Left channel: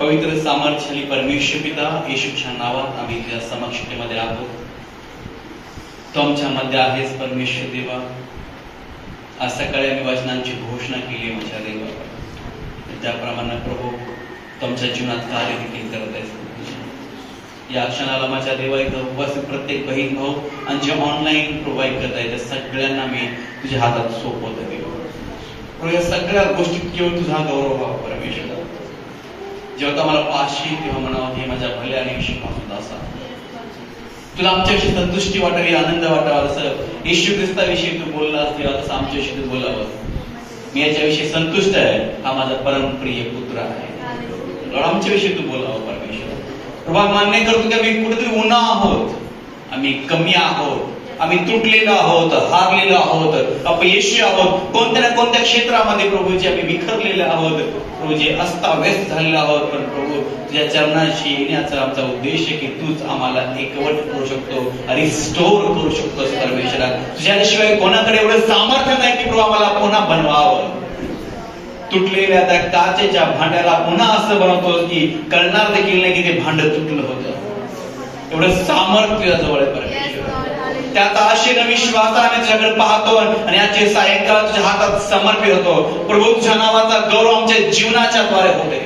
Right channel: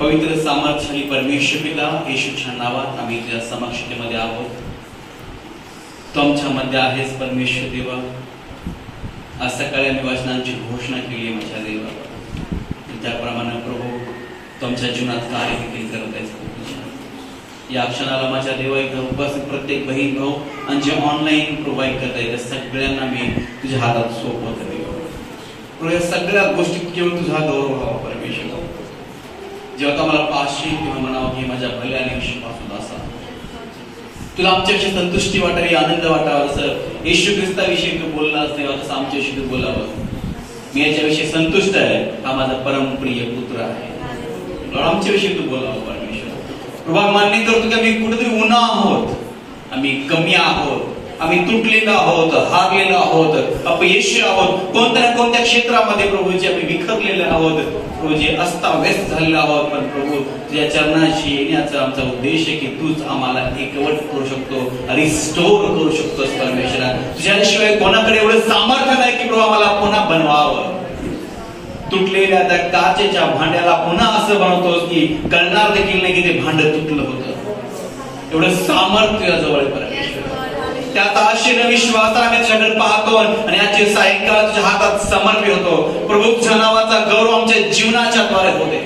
पवित्र सामर्थ्याने परमेश्वर पिता येशूच्या नावात आम्ही तुझ्या समक्षतेमध्ये आहोत. तू आमच्या मध्ये आहेस परमेश्वर देवा. आज सकाळी आम्ही वचनांची घोषणा केली माझ्या देवा. त्याप्रमाणे प्रभू तुमच्या जीवनात कार्य देखील करत आहेस. या क्षणाला माझ्या देवा इथं उपस्थित प्रत्येक बहीण भाऊ आणि जे ऑनलाईन प्रोव्हाइड करत आहे त्या सगळ्यांना मी तुझ्या हातात सोपवतो देवा. या सगळ्या गोष्टीत केवळ तुझा गौरव व्हावा परमेश्वर. जेव्हा मला पाचशी किंवा म्हणावं की माझ्या भल्या आयुष्यापासून असा तुला आमच्याविषयी संतुष्टी वाटावी, आनंद वाटावा. जसं येशू ख्रिस्ताविषयी तू बोलला तेव्हा तसं आमच्याविषयी तू बोलावं. मी याच्याविषयी संतुष्ट आहे, हा माझा परमप्रिय पुत्र आहे. आमच्याविषयी तू बोलावं परमेश्वर. प्रभा मान्य करतो की आम्ही कुठेतरी उन्हा आहोत, आम्ही कमी आहोत, आम्ही तुटलेलो आहोत, हारलेलो आहोत, अपयशी आहोत, कोणत्या ना कोणत्या क्षेत्रामध्ये प्रभूजी आम्ही विखरलेले आहोत, प्रभूजी अस्ताव्यस्त झालेलो आहोत. पण प्रभू तुझ्या चरणाशी येण्याचा आमचा उद्देश आहे की तूच आम्हाला एकवट करू शकतो, रिस्टोर करू शकतोस परमेश्वरा. तुझ्याशिवाय कोणाकडे एवढं सामर्थ्य नाही की प्रभू आम्हाला पुन्हा बनवावं. तुटलेल्या त्या काचेच्या भांड्याला पुन्हा असं बनवतोस की कळणार देखील नाही की ते भांड तुटलं होतं. एवढं सामर्थ्य जवळ परमेश्वर. त्यात आशेने विश्वासाने तुझ्याकडे पाहतो आणि याचे सायंकाळ तुझ्या हातात समर्पित होतो. प्रभू तुझ्या नावाचा गौरव आमच्या जीवनाच्या द्वारे होते.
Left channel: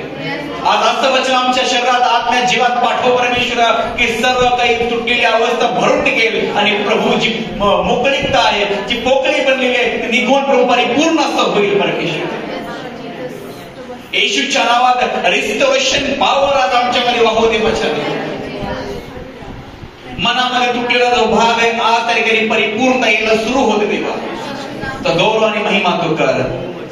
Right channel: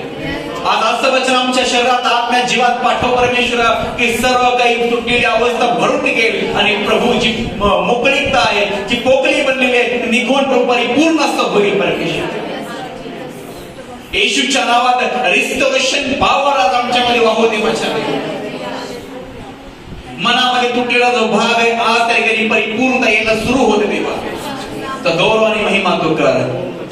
आज असं वचन आमच्या शरीरात आत्म्या जीवात पाठव परमेश्वरा की सर्व काही तुटलेली अवस्था भरून निघेल आणि प्रभू जी मोकळीकता आहे, जी पोकळी बनलेली आहे ती निघून प्रभू परिपूर्ण असं होईल परमेश्वर. येशूच्या नावात रिस्टोरेशन पॉवर आज आमच्याकडे वाहू दे बचावे. मनामध्ये तुटलेला जो भाग आहे आज त्या परिपूर्णता यायला सुरू होते देवा. तर गौरव आणि महिमा तू कर.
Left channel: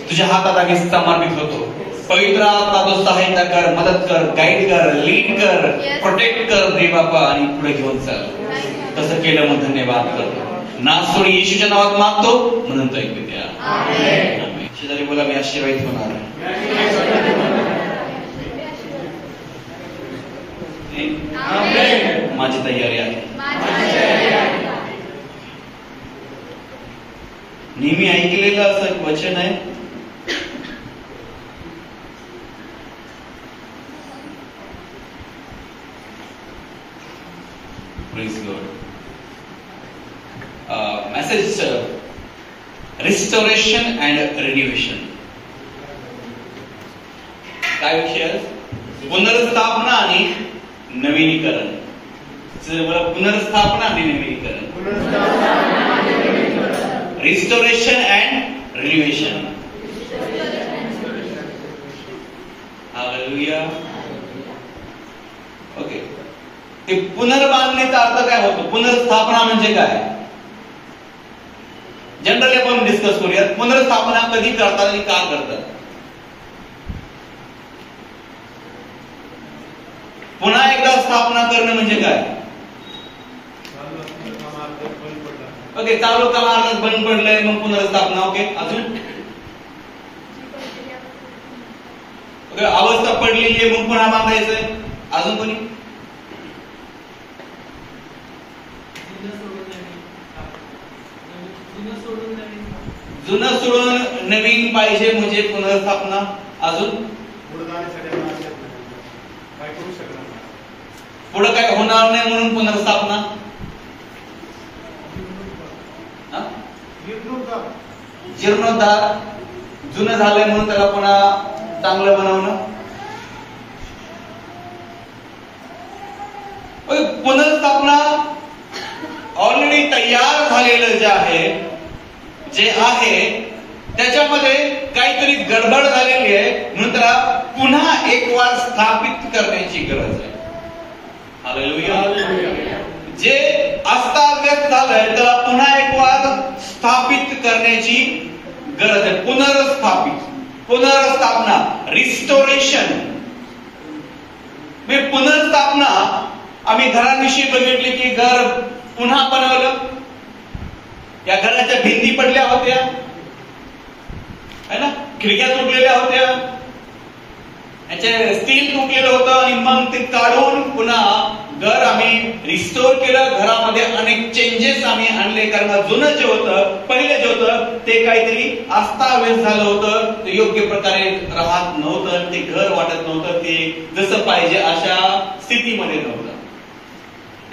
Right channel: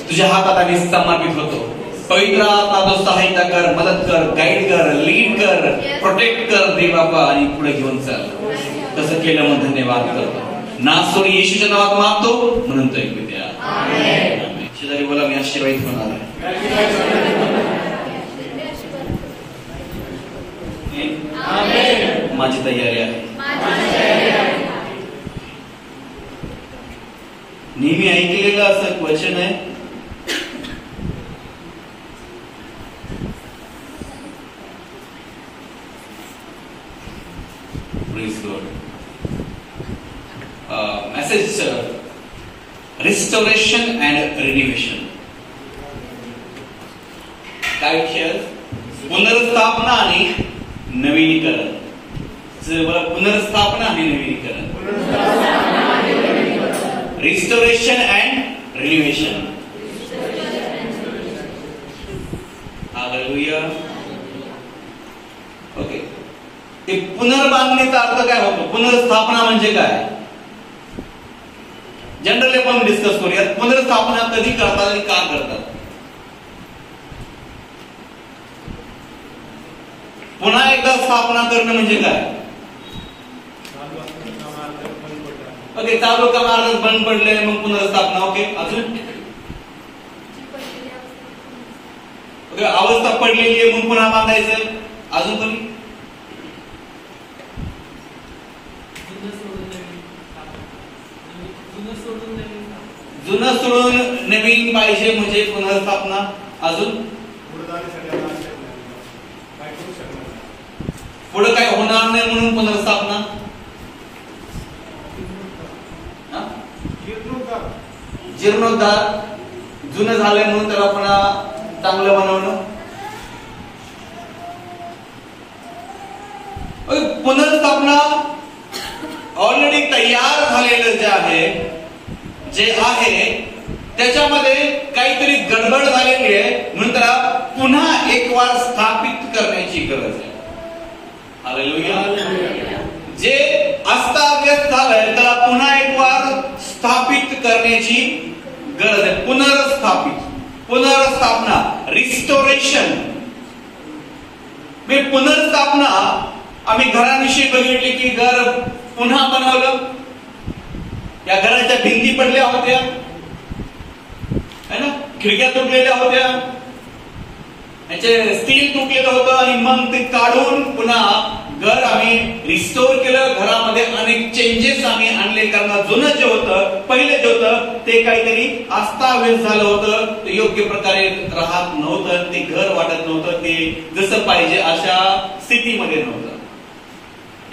तुझ्या हातात आम्ही समर्पित होतो. पवित्र आत्मा तो सहायता कर, मदत कर, गाईड कर, लीड कर, प्रोटेक्ट कर देवा आणि पुढे घेऊन चाल. तसं केलं मग धन्यवाद करतो. नासोडी येशूच्या नावात मागतो म्हणून तो ऐकू द्या. आमेन. शेजारी बोला मी आशीर्वादित होणार आहे. माझी तयारी आहे. नेहमी ऐकलेलं असं एक वचन आहे, मेसेज रिस्टोरेशन अँड रिन्युएशन. काय विषय? पुनर्स्थापना आणि नवीनीकरण. पुनर्स्थापना आणि नवीनीकरण. Restoration and renovation. Hallelujah. Okay. ते पुनर्बांधणीचा अर्थ काय होतो? पुनर्स्थापना म्हणजे काय? जनरली आपण डिस्कस करूया. पुनर्स्थापना कधी करतात आणि का करतात? पुन्हा एकदा स्थापना करणं म्हणजे काय? ओके, चालू काम बंद पडलंय मग पुनर्स्थापना. ओके, अजून ओके, अवस्था पडलेली आहे मग पुन्हा बांधायचंय. अजून कोणी? जुनं सोडून नवीन पाहिजे म्हणजे पुनर्स्थापना. अजून पुढे काय होणार नाही म्हणून पुनर्स्थापना. जीर्णोद्धार. जुनं झालंय म्हणून त्याला पुन्हा चांगलं बनवणं. पुनर्स्थापना ऑलरेडी तयार झालेलं जे आहे त्याच्यामध्ये काहीतरी गडबड झालेली आहे म्हणून त्याला पुन्हा एक वार स्थापित करण्याची गरज आहे. हालेलुया. जे अस्ताव्यस्त झालंय त्याला पुन्हा एक वार स्थापित करण्याची गरज आहे. पुनर्स्थापना, रिस्टोरेशन. पुनर्स्थापना आम्ही घराविषयी बघितली की घर पुन्हा बनवलं. या घराच्या भिंती पडल्या होत्या है ना, खिडक्या तुटलेल्या होत्या, याचे स्टील तुटलेलं होतं आणि मग ते काढून पुन्हा घर आम्ही रिस्टोर केलं, घरामध्ये अनेक चेंजेस आम्ही आणले, कारण जुनं जे होतं, पहिले जे होतं ते काहीतरी अस्ताव्यस्त झालं होतं, ते योग्य प्रकारे राहत नव्हतं, ते घर वाटत नव्हतं, ते जसं पाहिजे अशा स्थितीमध्ये नव्हतं.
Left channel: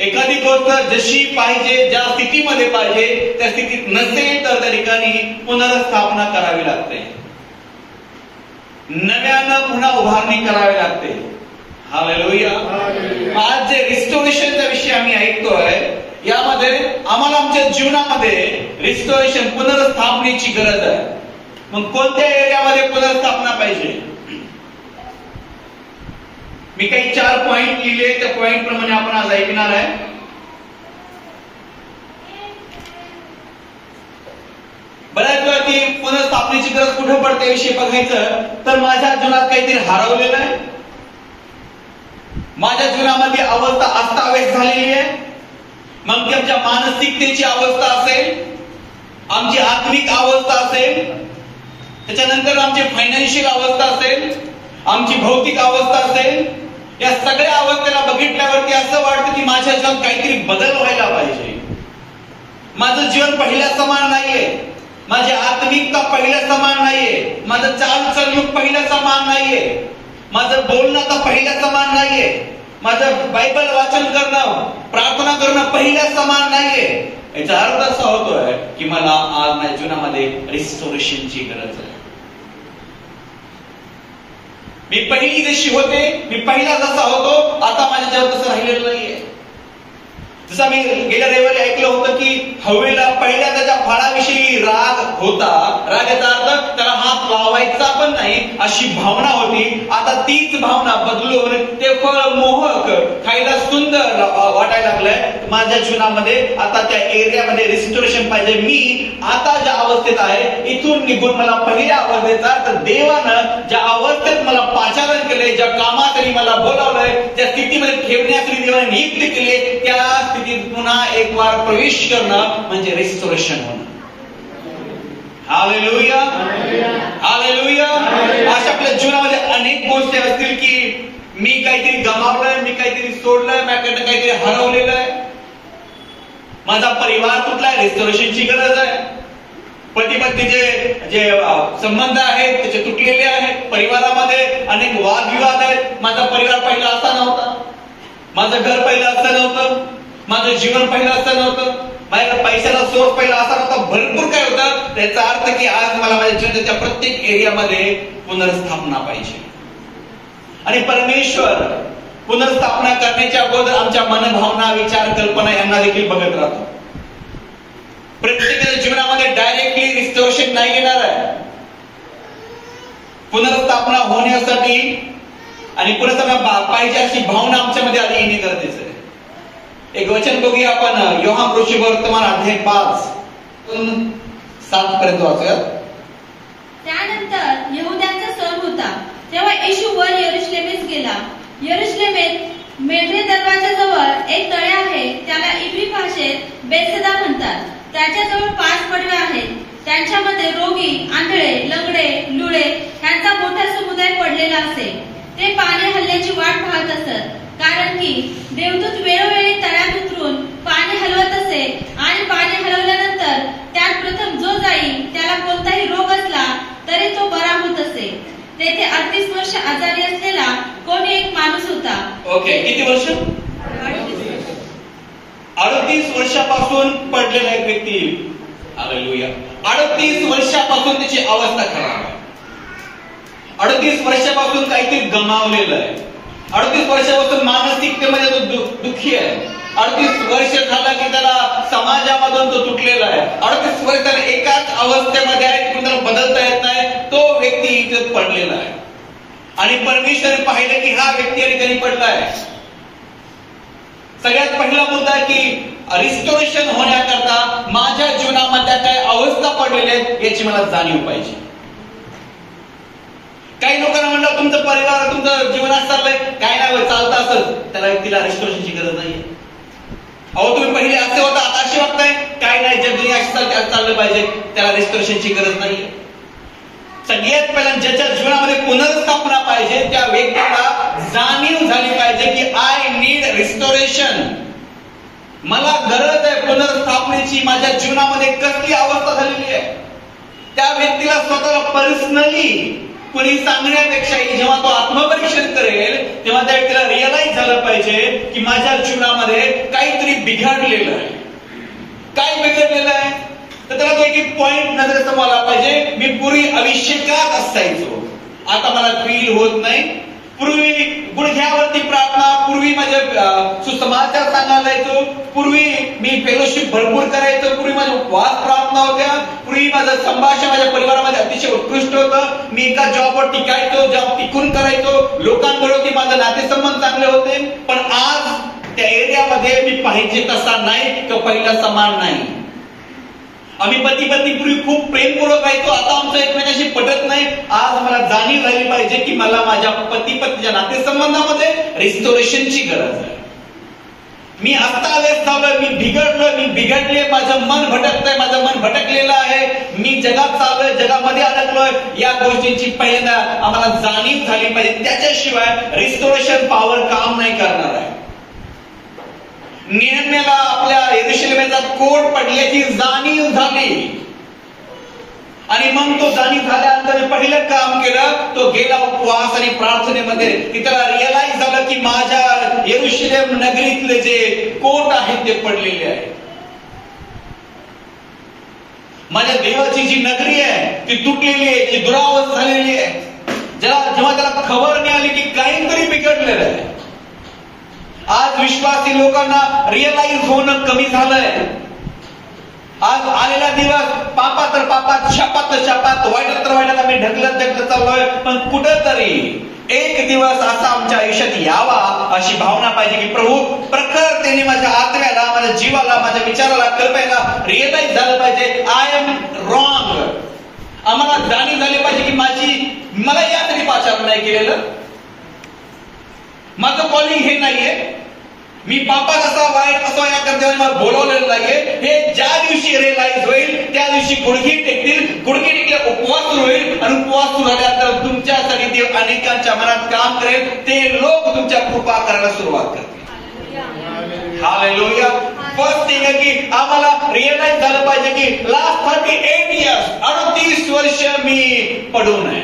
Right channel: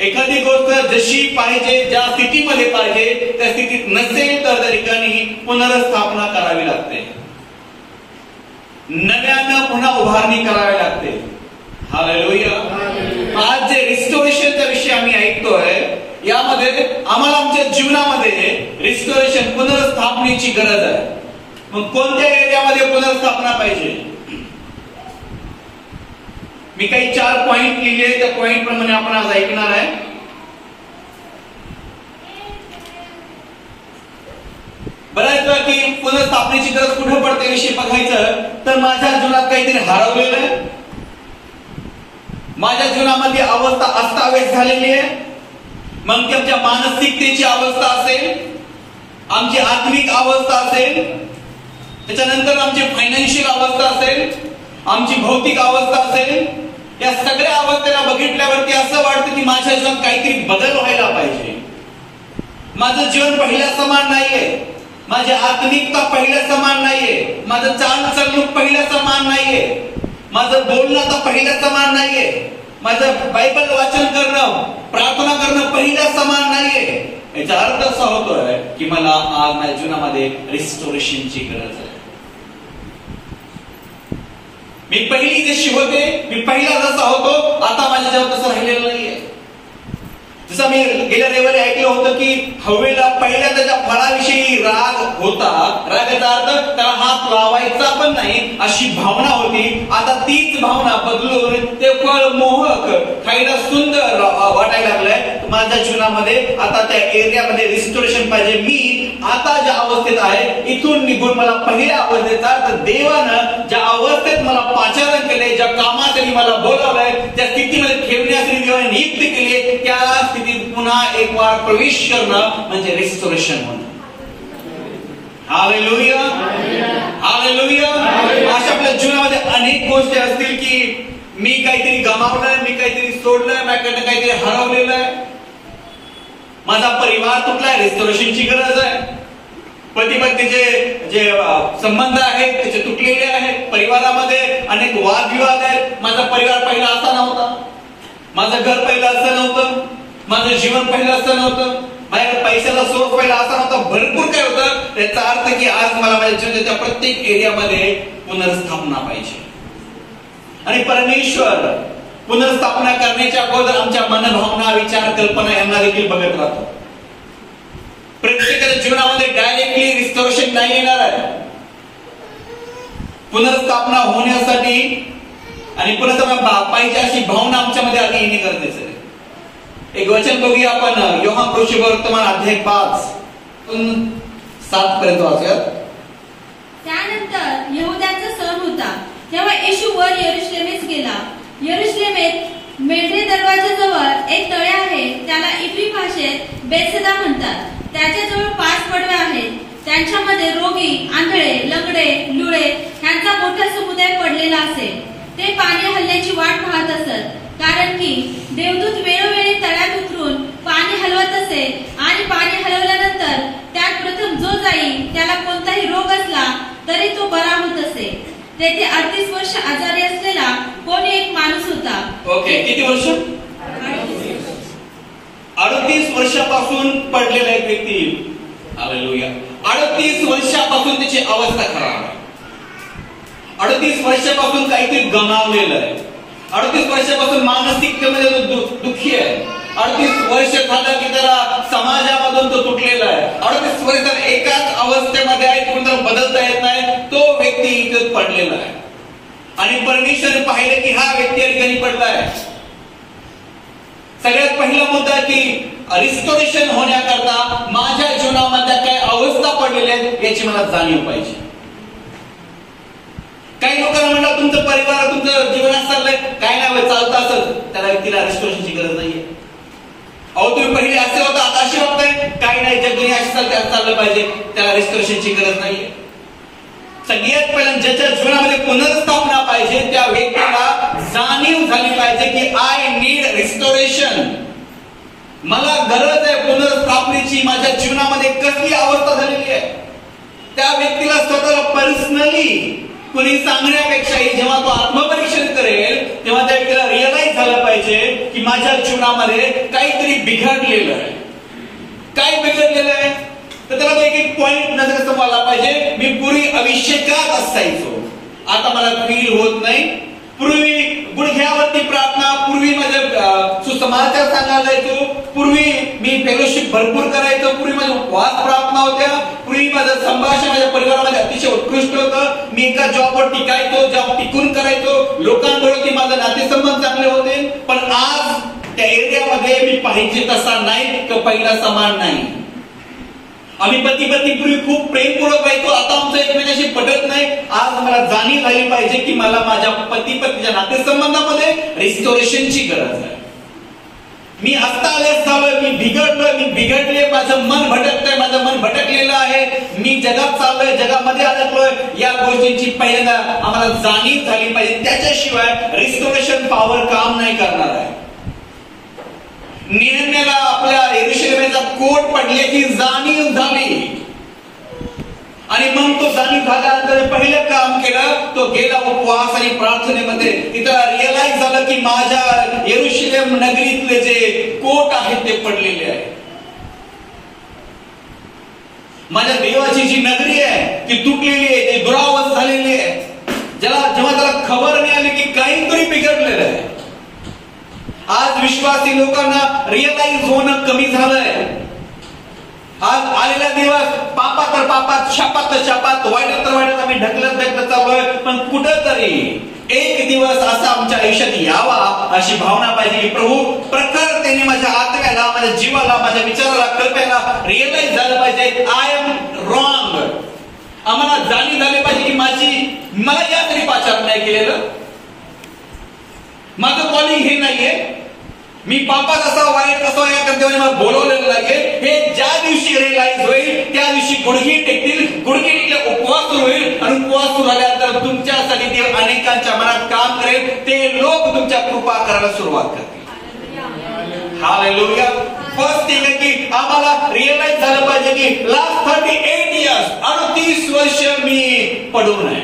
एखादी गोष्ट जशी पाहिजे, ज्या स्थितीमध्ये पाहिजे त्या स्थितीत नसेल तर त्या ठिकाणी पुनर्स्थापना करावी लागते, नव्यानं पुन्हा उभारणी करावी लागते. हालेलुया. आज जे रिस्टोरेशनचा विषय आम्ही ऐकतोय, यामध्ये आम्हाला आमच्या जीवनामध्ये रिस्टोरेशन, पुनर्स्थापनेची गरज आहे. मग कोणत्या एरियामध्ये पुनर्स्थापना पाहिजे? मी काही 4 पॉइंट लिहिले, त्या पॉइंट प्रमाणे आपण आज ऐकणार आहे. बऱ्याच वेळा की पुनर्स्थापनेची गरज कुठे पडते विषय बघायचं तर माझ्या जीवनात काहीतरी हरवलेलं आहे, माझ्या जीवनामध्ये अवस्था अस्ताव्यस्त झालेली आहे. मग ती आमच्या मानसिकतेची अवस्था असेल, आमची आत्मिक अवस्था असेल, त्याच्यानंतर आमची फायनान्शियल अवस्था असेल, आमची भौतिक अवस्था असेल. या सगळ्या अवस्थेला बघितल्यावरती असं वाटतं की माझ्या जीवनात काहीतरी बदल व्हायला पाहिजे. माझं जीवन पहिल्या समान नाहीये, माझी आत्मिकता पहिल्या समान नाहीये, माझं चालचलणूक पहिल्या समान नाहीये, माझं बोलणं आता पहिल्या समान नाहीये, माझं बायबल वाचन करणं, प्रार्थना करणं पहिल्या समान नाहीये. याचा अर्थ असा होतोय की मला आज माझ्या जीवनामध्ये रिस्टोरेशनची गरज आहे. मी पहिली जशी होते, मी पहिला जसा होतो, आता माझ्या जीवनात तसं राहिलेलं नाहीये. जसं मी गेल्या रविवारी ऐकलं होतं की हवेला पहिल्या त्याच्या फळाविषयी राग होता, रागाचा अर्थ त्याला हात लावायचा पण नाही अशी भावना होती. आता तीच भावना बदलून ते फळ मोहक, खायला सुंदर वाटायला लागलंय. माझ्या जीवनामध्ये आता त्या एरियामध्ये रिस्टोरेशन पाहिजे. मी आता ज्या अवस्थेत आहे इथून निघून मला पहिल्या अवस्थेचा, तर देवानं ज्या अवस्थेत मला पाचारण केले, ज्या कामासाठी मला बोलावलंय, त्या स्थितीमध्ये ठेवण्यासाठी देवाने नियुक्ती केली, त्या स्थितीत पुन्हा एक वार प्रवेश करणं म्हणजे रिस्टोरेशन होणं. Hallelujah, hallelujah. अशा आपल्या जीवनामध्ये अनेक गोष्टी असतील की मी काहीतरी गमावलंय, मी काहीतरी सोडलंय, माझ्याकडनं काहीतरी हरवलेलं आहे, माझा परिवार तुटलाय, रिस्टोरेशनची गरज आहे. पती पत्नीचे जे संबंध आहेत त्याचे तुटलेले आहेत, परिवारामध्ये अनेक वादविवाद आहेत. माझा परिवार पहिला असा नव्हता, माझं घर पहिलं असं नव्हतं, माझं जीवन पहिलं असं नव्हतं, माझ्या पैशाचा सोर्स पहिला असा नव्हता, भरपूर काय होतं. त्याचा अर्थ की आज मला माझ्या जीवनाच्या प्रत्येक एरियामध्ये पुनर्स्थापना पाहिजे. आणि परमेश्वर पुनर्स्थापना करण्याच्या अगोदर आमच्या मनभावना, विचार, कल्पना यांना देखील बघत राहतो. प्रत्येकाच्या जीवनामध्ये डायरेक्टली रिस्टोरेशन नाही येणार आहे. पुनर्स्थापना होण्यासाठी आणि पुनर्स्थापना पाहिजे अशी भावना आमच्यामध्ये आधी येणे गरजेचं आहे. एक वचन बघूया आपण, योहान वर्तमान अध्याय 5:7 पर्यंत वाचूया. त्यानंतर यहुद्यांचा सण होता, तेव्हा येशू वर यरुशलेमेस गेला. यरुशलेमेत मेढे दरवाजाजवळ एक तळे आहे, त्याला इब्री भाषेत बेतसदा म्हणतात. त्याच्याजवळ 5 पडवे आहेत, त्यांच्यामध्ये रोगी, आंधळे, लंगडे, लुळे यांचा मोठा समुदाय पडलेला असे. ते पाणी हल्ल्याची वाट पाहत असत, कारण की देवदूत वेळोवेळी तळ्यात उतरून पाणी हलवत असे, आणि पाणी हलवल्यानंतर त्यात प्रथम जो जाईल त्याला कोणताही रोग असला तरी तो बरा होत असे. तेथे 38 वर्ष आजारी असलेला कोणी एक माणूस होता. ओके, किती वर्ष? 38 वर्षापासून पडलेला एक व्यक्ती. हालेलुया. 38 वर्षापासून त्याची अवस्था खराब आहे. 38 वर्षापासून काहीतरी गमावलेलं आहे. 38 वर्षापासून मानसिकतेमध्ये तो दुःखी आहे. 38 वर्ष झाला की त्याला समाजामधून तो तुटलेला आहे. 38 वर्ष त्याला एकाच अवस्थेमध्ये आहे, कुणाला बदलता येत नाही. तो व्यक्ती इथे पडलेला आहे आणि परमेश्वराने पाहिले की हा व्यक्ती या ठिकाणी पडला आहे. सगळ्यात पहिला मुद्दा की रिस्टोरेशन होण्याकरता माझ्या जीवनामध्ये काय अवस्था पडलेल्या आहेत याची मला जाणीव पाहिजे. काही लोकांना म्हणलं तुमचं परिवार, तुमचं जीवनात चाललंय, काय नाही चालतं असं, त्याला व्यक्तीला रिस्टोरेशनची गरज नाहीये. अहो तुम्ही पहिले असे होता, आता असे वागताय, काय नाही, जग दुनिया अशी चाललं पाहिजे, त्याला रिस्टोरेशनची गरज नाहीये. सगळ्यात पहिला ज्याच्या जीवनामध्ये पुनर्स्थापना पाहिजे त्या व्यक्तीला जाणीव झाली पाहिजे की आय नीड रिस्टोरेशन. मला गरज आहे पुनर्स्थापनेची. माझ्या जीवनामध्ये कसली अवस्था झालेली आहे, त्या व्यक्तीला स्वतःला पर्सनली कुणी सांगण्यापेक्षाही जेव्हा तो आत्मपरीक्षण करेल तेव्हा त्या व्यक्तीला रिअलाइज झालं पाहिजे की माझ्या जीवनामध्ये काहीतरी बिघडलेलं आहे. काय बिघडलेलं आहे तर त्याला तो एक पॉइंट नजरेसमोर आला पाहिजे. मी पूर्वी अभिषेकात असायचो, आता मला फील होत नाही. पूर्वी गुडघ्यावरती प्रार्थना, पूर्वी माझ्या सुसमाचार सांगायला जायचो, पूर्वी मी फेलोशिप भरपूर करायचो, पूर्वी माझे उपवास प्रार्थना होत्या, पूर्वी माझं संभाषण माझ्या परिवारामध्ये अतिशय उत्कृष्ट होतं. मी एका जॉबवर टिकायचो, जॉब टिकून करायचो, लोकांबरोबर माझे नातेसंबंध चांगले होते. पण आज त्या एरियामध्ये मी पाहिजे तसा नाही किंवा पहिला समान नाही. आम्ही पती पत्नी पूर्वी खूप प्रेमपूर्वक राहायचो, आता आमचं एकमेकांशी पटत नाही. आज मला जाणीव झाली पाहिजे की मला माझ्या पती पत्नीच्या नातेसंबंधामध्ये रिस्टोरेशनची गरज आहे. मी अस्ताव्यस्त झालोय, मी बिघडलोय, मी बिघडले, माझं मन भटकतंय, माझं मन भटकलेलं आहे, मी जगात चाललोय, जगामध्ये अडकलोय. या गोष्टींची पहिल्यांदा आम्हाला जाणीव झाली पाहिजे. त्याच्याशिवाय रिस्टोरेशन पॉवर काम नाही करणार आहे. नेहम्याला आपल्या यरूशलेमेचा कोट पडल्याची जाणीव झाली आणि मग तो जाणीव झाल्यानंतर पहिलं काम केलं, तो गेला उपवास आणि प्रार्थनेमध्ये. तिथं रिअलाइज झालं की माझ्या यरूशलेम नगरीतले जे कोट आहेत ते पडलेले आहे. माझ्या देवाची जी नगरी आहे ती तुटलेली आहे, ती दुरावस्था झालेली आहे. जेव्हा त्याला खबर मिळाली की काहीतरी बिघडलेलं आहे. आज विश्वासी लोकांना रिअलाइज होणं कमी झालंय. आज आलेला दिवस पापात तर पापात, शापात तर शापात, वाईटात तर वाईटात आम्ही ढकलत चाललोय. पण कुठंतरी एक दिवस असा आमच्या आयुष्यात यावा अशी भावना पाहिजे की प्रभू प्रखरतेने माझ्या आत्म्याला, माझ्या जीवाला, माझ्या विचाराला, कल्पनेला रिअलाइज झालं पाहिजे आय एम रॉंग. आम्हाला जाणीव झाली पाहिजे की मला यासाठी पाचारण नाही केलेलं, माझं कॉलिंग हे नाहीये, मी पापात असा वाईट असा या कर्तव्याने मला बोलवलेलं नाहीये. हे ज्या दिवशी रिअलाइज होईल त्या दिवशी गुडघे टेकतील, गुडघे टेकले उपवास सुरू होईल आणि उपवास सुरू झाल्यानंतर तुमच्यासाठी देव अनेकांच्या मनात काम करेल. ते लोक तुमच्या कृपा करायला सुरुवात करतील. हालेलुया. फर्स्ट थिंग आहे की आम्हाला रिअलाइज झालं पाहिजे की लास्ट 38 इयर्स 38 वर्ष मी पडून आहे.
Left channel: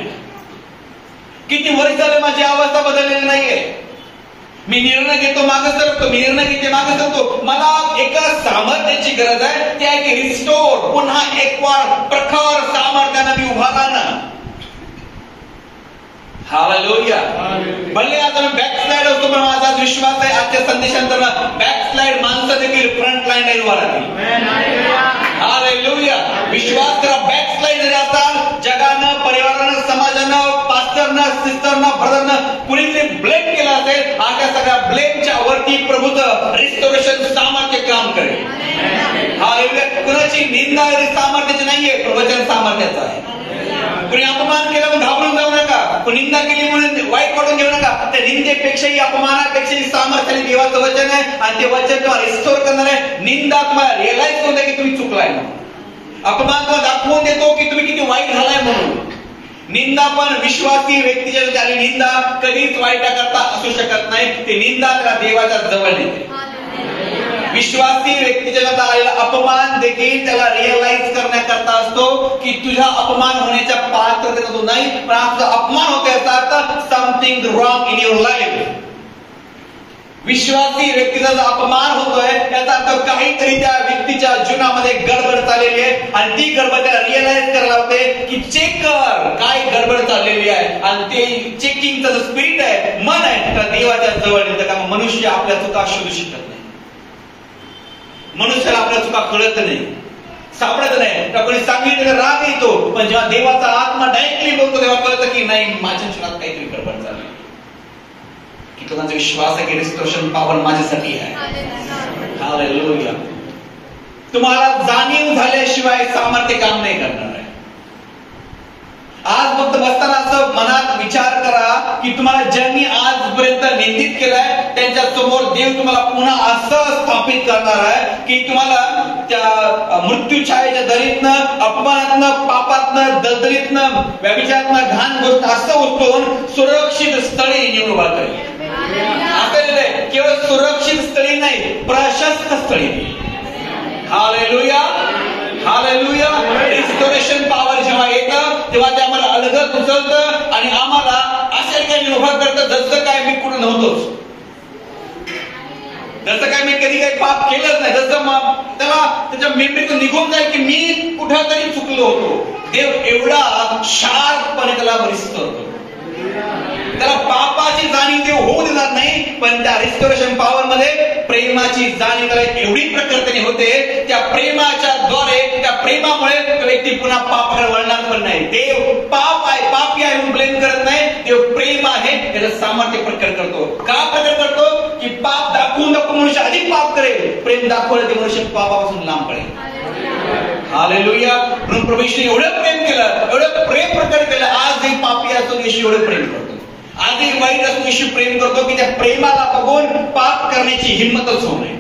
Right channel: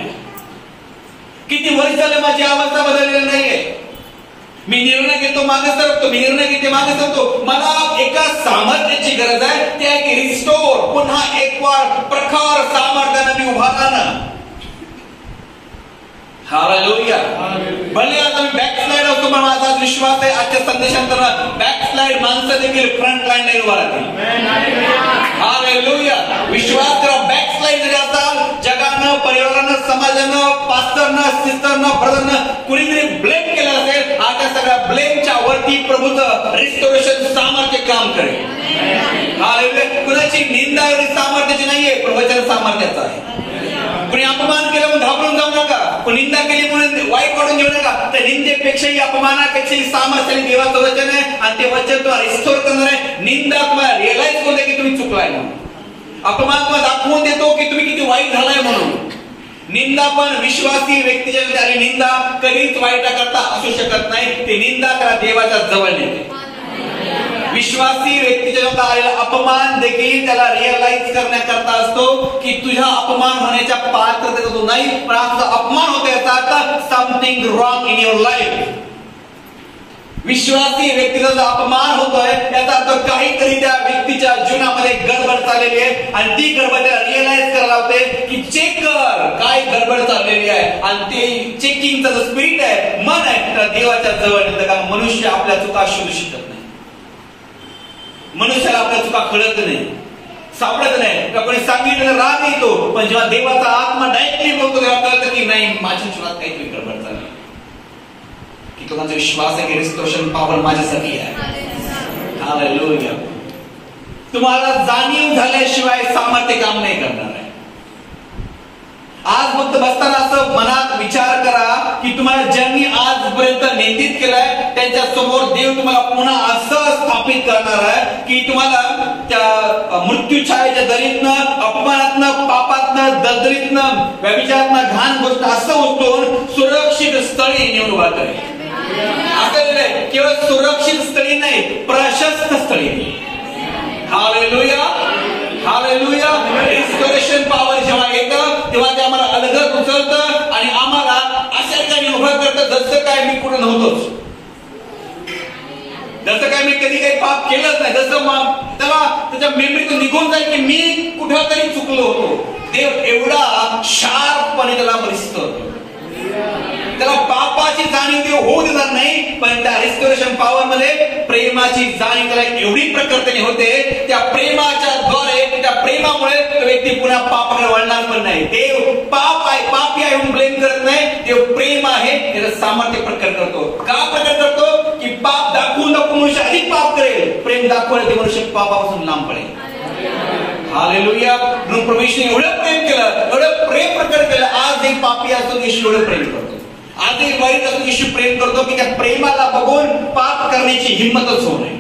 किती वर्ष झाले माझी अवस्था बदललेली नाहीये. मी निर्णय घेतो मागे सरकतो, मी निर्णय घेते मागे सरकतो. मला एका सामर्थ्याची गरज आहे, ते आहे की रिस्टोर, पुन्हा एक वार प्रखर सामर्थ्यानं मी उभा राहणं. हालेलुया. भले आता मी बॅकस्लाइड होतो पण माझा विश्वास आहे आजच्या संदेशानंतर बॅकस्लाइड माणसं देखील फ्रंट लाईन उभा राहतील. हालेलुया. विश्वास करा. बॅकस्लाइड जरी असाल, जगानं, परिवारानं, समाजानं, पास्टरनं, सिस्टरनं, ब्रदरनं कुणीतरी ब्लेम केलं असेल, आता सगळ्या ब्लेमच्या वरती प्रभूचं रिस्टोरेशन सामर्थ्य काम करेल. हालेलुया. कुणाची निंदा सामर्थ्याची नाहीये, प्रवचन सामर्थ्याचं आहे. कुणी अपमान केला म्हणून घाबरून जाऊ नका, पण निंदा केली म्हणून वाईट वाढून घेऊ नका. त्या निंदेपेक्षाही अपमानापेक्षाही सामर्थ्याने देवाचं वचन आहे आणि ते वचन तुम्हाला रिस्टोर करणार आहे. निंदा तुम्हाला रिअलाइज करून की तुम्ही चुकलाय म्हणून, अपमान तुम्हाला दाखवून देतो की तुम्ही किती वाईट झालाय म्हणून. निंदा पण विश्वासी व्यक्तीच्या आणि निंदा कधीच वाईटा करता असू शकत नाही. ते निंदा त्याला देवाच्या जवळ नेते. विश्वासी व्यक्तीच्या आलेला अपमान देखील त्याला रिअलाइज करण्याकरता असतो की तुझ्या अपमान होण्याच्या पात्रतेचा तू नाही, पण तुझा अपमान होतोय याचा अर्थ something wrong in your life. विश्वासी व्यक्तीचा जो अपमान होतोय याचा अर्थ काहीतरी त्या व्यक्तीच्या जीवनामध्ये गडबड चाललेली आहे आणि ती गडबड त्याला रिअलाइज करायला होते की चेक कर काय गडबड चाललेली आहे. आणि ते चेकिंगचं जो स्पिरिट आहे, मन आहे, त्या देवाच्या जवळ नेतं. कारण मनुष्य आपल्या चुका शोधू शकत नाही. मनुष्याला आपल्या चुका कळत नाही, सापडत नाही. कोणी सांगितलं राग येतो, पण जेव्हा देवाचा आत्मा डायरेक्टली बोलतो तेव्हा कळतं की नाही, माझ्या जीवनात काहीतरी गडबड झाली. की तुझा विश्वास आहे की रिस्टोरेशन पॉवर माझ्यासाठी आहे. हालेलुया. तुम्हाला जाणीव झाल्याशिवाय सामर्थ्य काम नाही करणार आहे. आज फक्त बसताना असं मनात विचार करा की तुम्हाला ज्यांनी आजपर्यंत निंदित केलंय त्यांच्या समोर देव तुम्हाला पुन्हा असं स्थापित करणार आहे की तुम्हाला त्या मृत्यूछायेच्या दरीतनं, अपमानातनं, पापातनं, दलदलीतनं, व्यभिचारातनं, घाण गोष्ट असं उचलून सुरक्षित स्थळी नेऊन उभा करेल. केवळ सुरक्षित स्थळी नाही, प्रशस्त स्थळी. Hallelujah, hallelujah. रिस्टोरेशन पॉवर जेव्हा येतं तेव्हा ते आम्हाला अलगद उचलतं आणि आम्हाला अशा काही उभं करतं जसं काय मी कुठं नव्हतोच, जसं काय मी कधी काही पाप केलंच नाही, जसं त्याला त्याच्या मेमरीतून निघून जाईल की मी कुठं तरी चुकलो होतो. देव एवढा शार्पपणे त्याला रिस्टोर, त्याला पापाची जाणीव देव होऊ देणार नाही, पण त्या रिस्टोरेशन पॉवर मध्ये प्रेमाची जाणीव त्याला एवढी प्रकर्षाने होते. त्या प्रेमाच्या द्वारे, त्या प्रेमामुळे तो व्यक्ती पुन्हा पापाकडे वळणार पण नाही. देव पाप आहे, पापी आहे म्हणून ब्लेम करत नाही. देव प्रेम आहे त्याचं सामर्थ्य प्रकट करतो. का प्रकट करतो? की पाप दाखवून दाखवून मनुष्य अधिक पाप करेल, प्रेम दाखवलं ते मनुष्य पापापासून लांब पडेल. हालेलुया. म्हणून प्रभू येशूने एवढं प्रेम केलं, एवढं प्रेम प्रकट केलं. आजही पापी असून येशू एवढं प्रेम करतो, आजही वाईट असून येशू प्रेम करतो की त्या प्रेमाला बघून पाप करण्याची हिंमतच होऊ नये.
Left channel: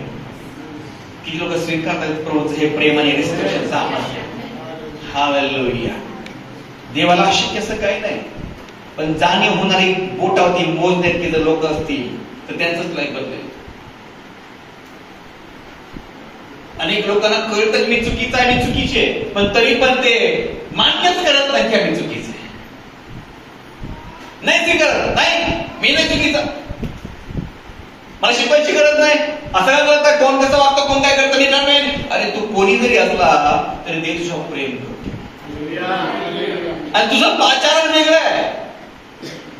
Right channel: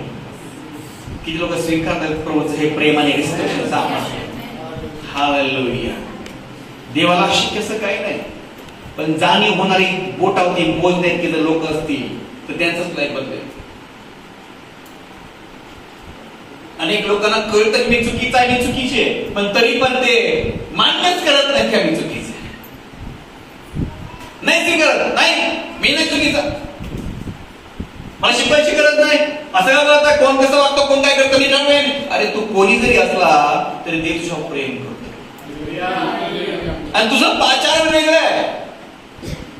किती लोक स्वीकारतात प्रभूचं हे प्रेम आणि रिस्टोरेशन सामर्थ्य. हालेलुया. देवाला शक्य असं काही नाही, पण जाणीव होणारी बोटावरती मोजण्यात जर लोक असतील तर त्यांचंच लाईफ बदलेल. अनेक लोकांना कळतं मी चुकीचं आहे, मी चुकीचे, पण तरी पण ते मान्यच करत नाही की मी चुकीचं आहे. नाही स्वीकारत, नाही मी नाही चुकीचा, मला शिकवायची गरज नाही. असं करत कोण कसं वागतं, कोण काय करतं नाही. अरे तू कोणी जरी असला तरी देव तुझ्यावर प्रेम करतो आणि तुझं आचरण वेगळं आहे.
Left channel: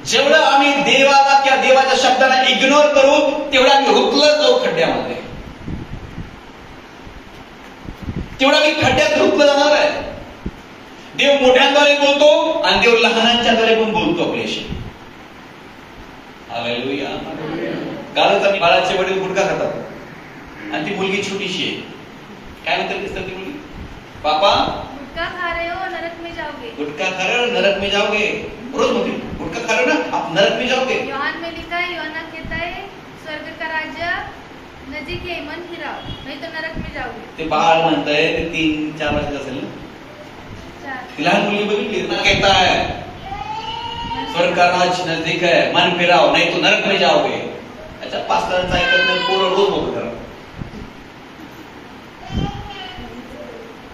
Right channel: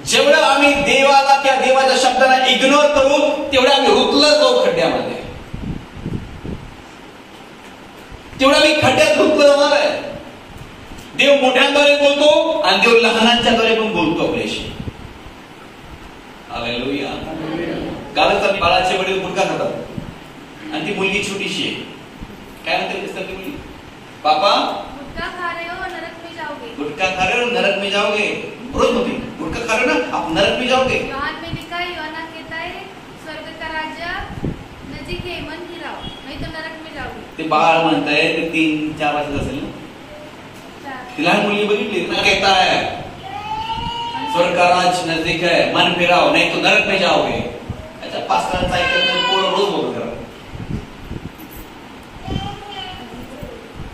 जेवढं आम्ही देवाला किंवा देवाच्या शब्दाला इग्नोर करू तेवढं आम्ही रुतलं जाऊ खड्ड्यामध्ये, तेवढा मी खड्ड्यात रुतलं जाणार आहे. देव मोठ्यांद्वारे बोलतो आणि देव लहानांच्याद्वारे पण बोलतो आपल्याशी. हालेलुया. कालच आम्ही बाळाचे वडील गुटखा खातात आणि ती मुलगी छोटीशी आहे. काय म्हणते ती मुलगी? पापा गुटखा खा रहे हो नरक में जाओगे, गुटखा खा रहे हो नरक में जाओगे. रोज म्हणते गुटखा खा रहे हो ना आप नरक में जाओगे. यूहन्ना में लिखा है, यूहन्ना कहता है स्वर्ग का राज्य नजीक है, मन फिराओ नहीं तो नरक में जाओगे. ते बाळ म्हणतंय, ते 3-4 वर्षाचं असेल ना. तिला मुलगी बघितली ना, कहता है स्वर्ग का राज्य नजदीक है, मन फिराओ नहीं तो नरक में जाओगे. अच्छा, पास्टरांचा ऐकत नाही, पोरं रोज बोलत करा.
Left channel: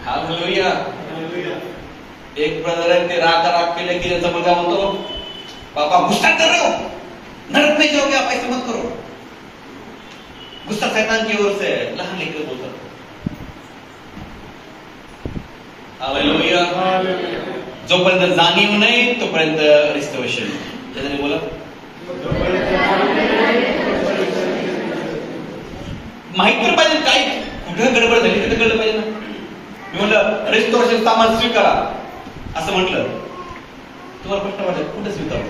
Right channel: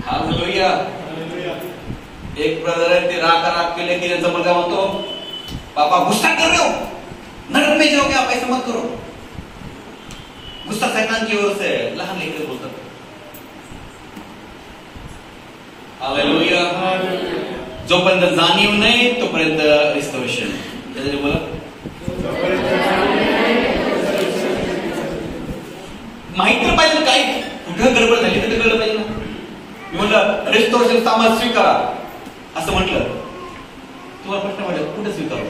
हालेलुया. एक ब्रदर आहे, ते राग केले की त्यांचा मुलगा म्हणतो पापा गुस्सा कर रहे हो, नरक में जाओगे आप, ऐसे मत करो. गुस्सा शैतान की ओर से. लहान लेकर बोलतात. हालेलुया. जोपर्यंत जाणीव नाही तोपर्यंत रिस्टोरेशन. त्याच्याने बोला माहिती तर पाहिजे काही कुठं गडबड झाली तर कळलं पाहिजे ना. मी म्हटलं रिस्टोरेशन सामान स्वीकारा असं म्हटलं, तुम्हाला प्रश्न वाटत कुठं स्वीकारू,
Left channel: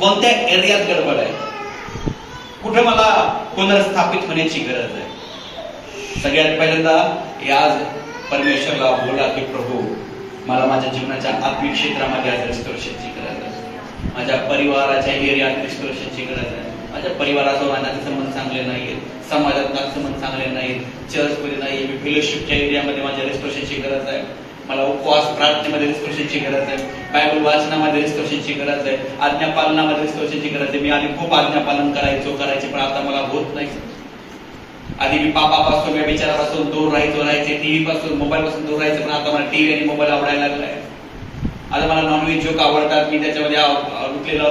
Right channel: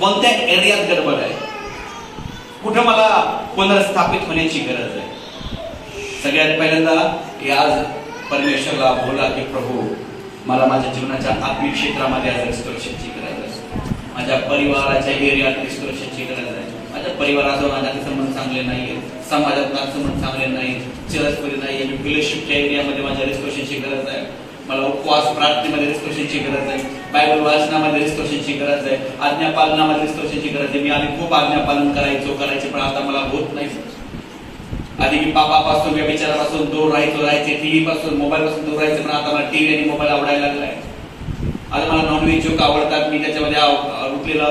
कोणत्या एरियात गडबड आहे, कुठं मला पुनर्स्थापित होण्याची गरज आहे. सगळ्यात पहिल्यांदा आज परमेश्वरला बोला की प्रभू मला माझ्या जीवनाच्या आत्मिक क्षेत्रामध्ये आज रिस्टोरेशनची गरज आहे, माझ्या परिवाराच्या एरियात रिस्टोरेशनची गरज आहे. माझ्या परिवारासह माझ्याचे संबंध चांगले नाहीत, समाजात माझे संबंध चांगले नाहीत, चर्चमध्ये नाहीये, मी फेलोशिपच्या एरियामध्ये माझ्या रिस्टोरेशनची गरज आहे. मला उपवास प्रार्थनेमध्ये रिस्टोरेशनची गरज आहे, बायबल वाचनामध्ये रिस्टोरेशनची गरज आहे, आज्ञापालनामध्ये रिस्टोरेशनची गरज आहे. मी आधी खूप आज्ञापालन करायचे पण आता मला होत नाही. आधी मी पापापासून या विचारापासून दूर राहायचे, टीव्ही पासून मोबाईल पासून दूर राहायचे, पण आता मला टीव्ही आणि मोबाईल आवडायला लागलाय. आता मला नॉनव्हेज जोक आवडतात, मी त्याच्यामध्ये अडकलेलो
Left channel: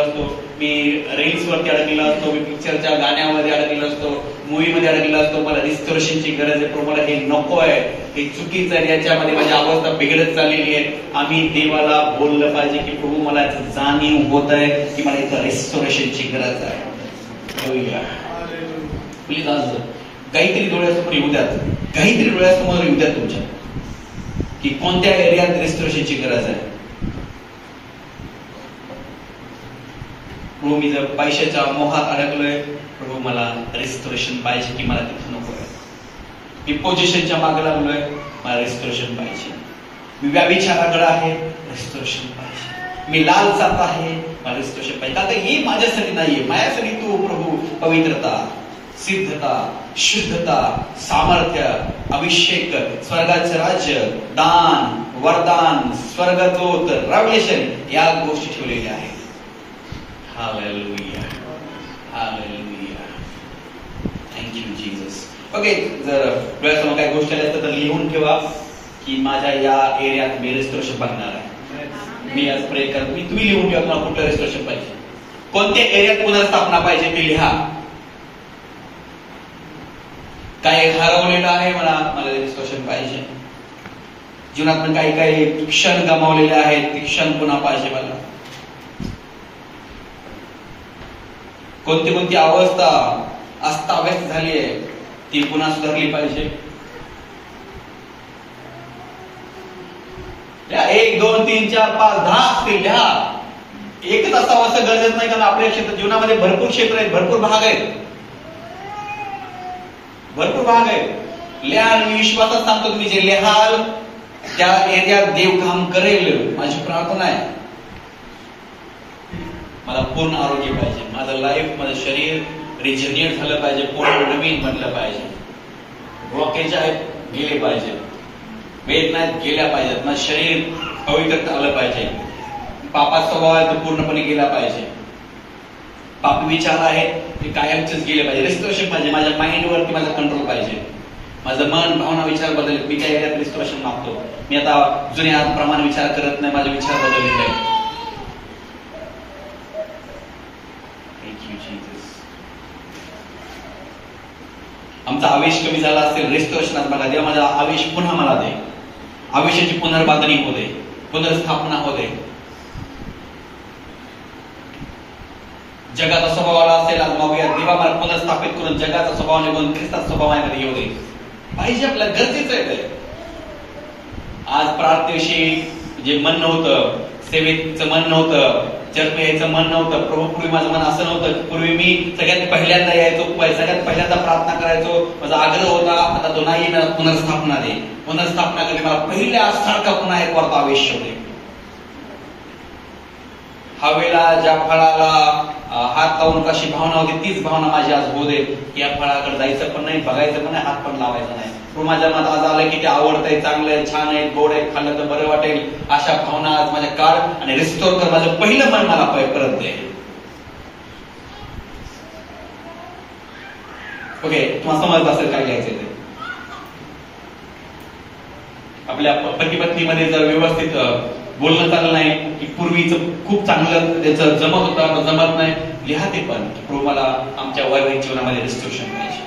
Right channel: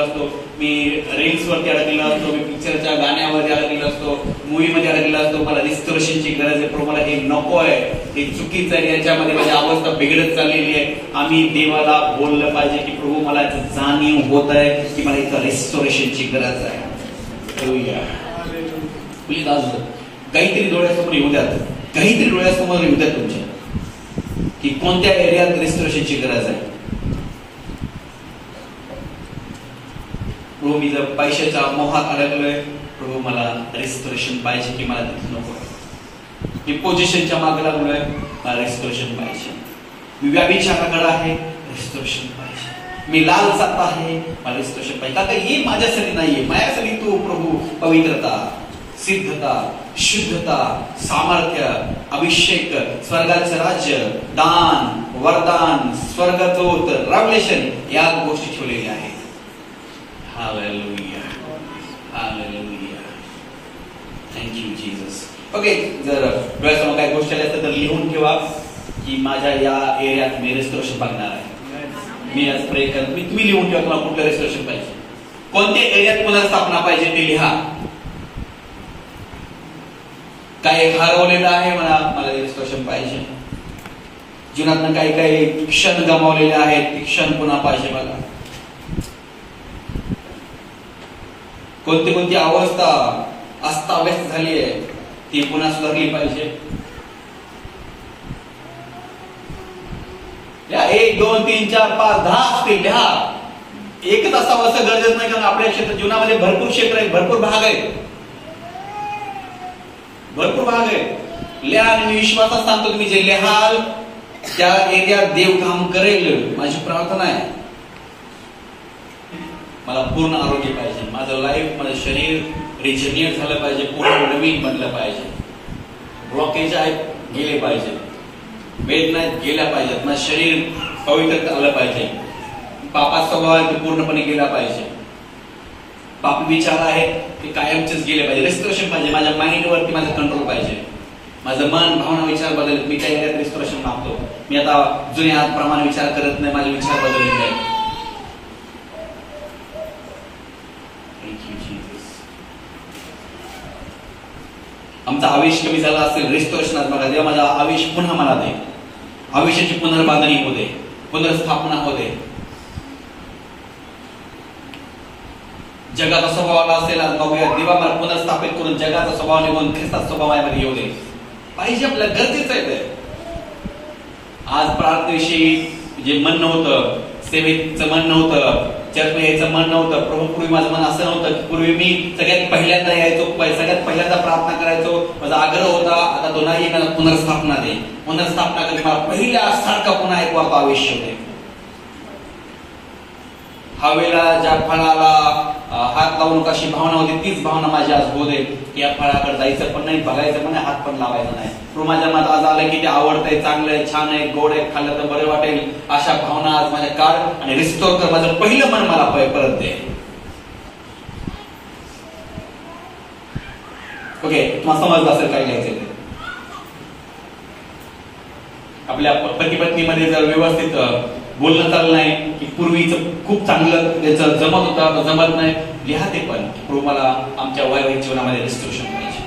असतो, मी रील्स वरती अडकलेलो असतो, मी पिक्चरच्या गाण्यामध्ये अडकलेलो असतो, मूवी मध्ये अडकलेलो असतो. मला रिस्टोरेशनची गरज आहे. पण मला हे नको आहे, हे चुकीचं आहे, याच्यामध्ये माझी अवस्था बिघडत चाललेली आहे. आम्ही देवाला बोललं पाहिजे की प्रभू मला जाणीव होत आहे की मला इथं रिस्टोरेशनची गरज आहे. प्लीज आज काहीतरी डोळ्यासमोर येऊ द्यात, काहीतरी डोळ्यासमोर येऊ द्या तुमच्या की कोणत्या एरियात रिस्टोरेशनची गरज आहे. प्रभू मी जर पैशाच्या मोहात अडकलोय, प्रभू मला रिस्टोरेशन पाहिजे की मला तिथे नको आहे. मी पोझिशनच्या मागे लागलोय, मला रिस्टोरेशन पाहिजे. मी व्याभिचाराकडे आहे, रिस्टोरेशन पाहिजे. मी लालसात आहे, मला रिस्टोरेशन पाहिजे. आता हे माझ्यासाठी नाहीये, माझ्यासाठी तू प्रभू पवित्रता, सिद्धता, शुद्धता, सामर्थ्य, अभिषेक, स्वर्गाचं राज्य, दान, वरदान, स्वर्गदूत, रेव्हलेशन या गोष्टी ठेवलेल्या आहेत. Hallelujah. Hallelujah. Thank you Jesus. Okay, जर वेळेसमोर काही गोष्टी आल्या तर लिहून ठेवा की माझ्या या एरियात मी रेस्टोरेशन बघणार आहे. मी आज प्रे करत मी तुम्ही लिहून ठेवा तुम्हाला कुठलं रेस्टोरेशन पाहिजे, कोणत्या एरियात पुनर्स्थापना पाहिजे ते लिहा. काय हरवलेलं आहे मला रेस्टोरेशन पाहिजे. जीवनात काही काही क्षण गमावलेले आहेत, ते क्षण पुन्हा पाहिजे मला. कोणती अवस्था अस्ताव्यस्त झाली आहे ती पुन्हा सुधारली पाहिजे. 1 2 3 4 5 10 असतील लिहा. एकच असावं असं गरजेचं नाही, कारण आपल्या क्षेत्र जीवनामध्ये भरपूर क्षेत्र आहेत, भरपूर भाग आहेत, भरपूर भाग आहेत. लिहा आणि मी विश्वासात सांगतो तुम्ही जे लिहाल त्या एरियात देव काम करेल. माझी प्रार्थना आहे मला पूर्ण आरोग्य पाहिजे, माझं लाईफ माझं शरीर रिजनरेट झालं पाहिजे, पूर्ण नवीन बनलं पाहिजे. ब्लॉकेज आहेत गेले पाहिजे, वेदना गेल्या पाहिजेत, माझं शरीर पवित्र आलं पाहिजे, पापाचा स्वभाव आहे तो पूर्णपणे गेला पाहिजे, पापी विचार आहेत ते कायमचेच गेले पाहिजे. रेस्टोरेशन पाहिजे, माझ्या माइंडवरती माझं कंट्रोल पाहिजे, माझं मन भावना विचार बदल. मी काय रेस्टोरेशन मागतो, मी आता जुन्या प्रमाणे विचार करत नाही, माझे विचार बदलले आहेत. आमचा आवेश कमी झाला असेल रेस्टोरेशनात मला देवा माझा आवेश पुन्हा मला दे, आवेशाची पुनर्बांधणी होते, पुनर्स्थापना होते. जगाचा स्वभाव आला असेल आज बघूया, देवा मला पुनर्स्थापित करून जगाचा स्वभाव निघून ख्रिस्ताचा स्वभावामध्ये येऊ दे पाहिजे. आपल्याला गरजेचं आहे ते. आज प्रार्थनेविषयी जे मन नव्हतं, सेवेचं मन नव्हतं, चर्च यायचं मन नव्हतं. प्रभू पूर्वी माझं मन असं नव्हतं की पूर्वी मी सगळ्यात पहिल्यांदा यायचो, सगळ्यात पहिल्यांदा प्रार्थना करायचो, माझा आग्रह होता आता तो नाही, मला पुनर्स्थापना दे, पुनर्स्थापना कधी मला पहिल्या सारखा पुन्हा एक वार्ता आवेश होते. हवेला ज्या फळाला हात लावून कशी भावना होती तीच भावना माझी आज होऊ दे की या फळाकडे जायचं पण नाही, बघायचं पण नाही, हात पण लावायचा नाही. माझ्या मनात आज आलं की ते आवडतंय, चांगलं आहे, छान आहे, गोड आहे, खाल्लं तर बरं वाटेल, अशा भावना आज माझ्या काढ आणि रिस्टोर कर. माझं पहिलं मन मला परत दे. ओके, तुम्हाला समजलं असेल काय घ्यायचं ते. आपल्या पती पत्नीमध्ये जर व्यवस्थित बोलणं चाललं नाही की पूर्वीचं खूप चांगलं त्याचं जमत होतं, जमत नाही, लिहा ते पण प्रभू मला आमच्या वैवाहिक जीवनामध्ये रेस्टोरेशन पाहिजे,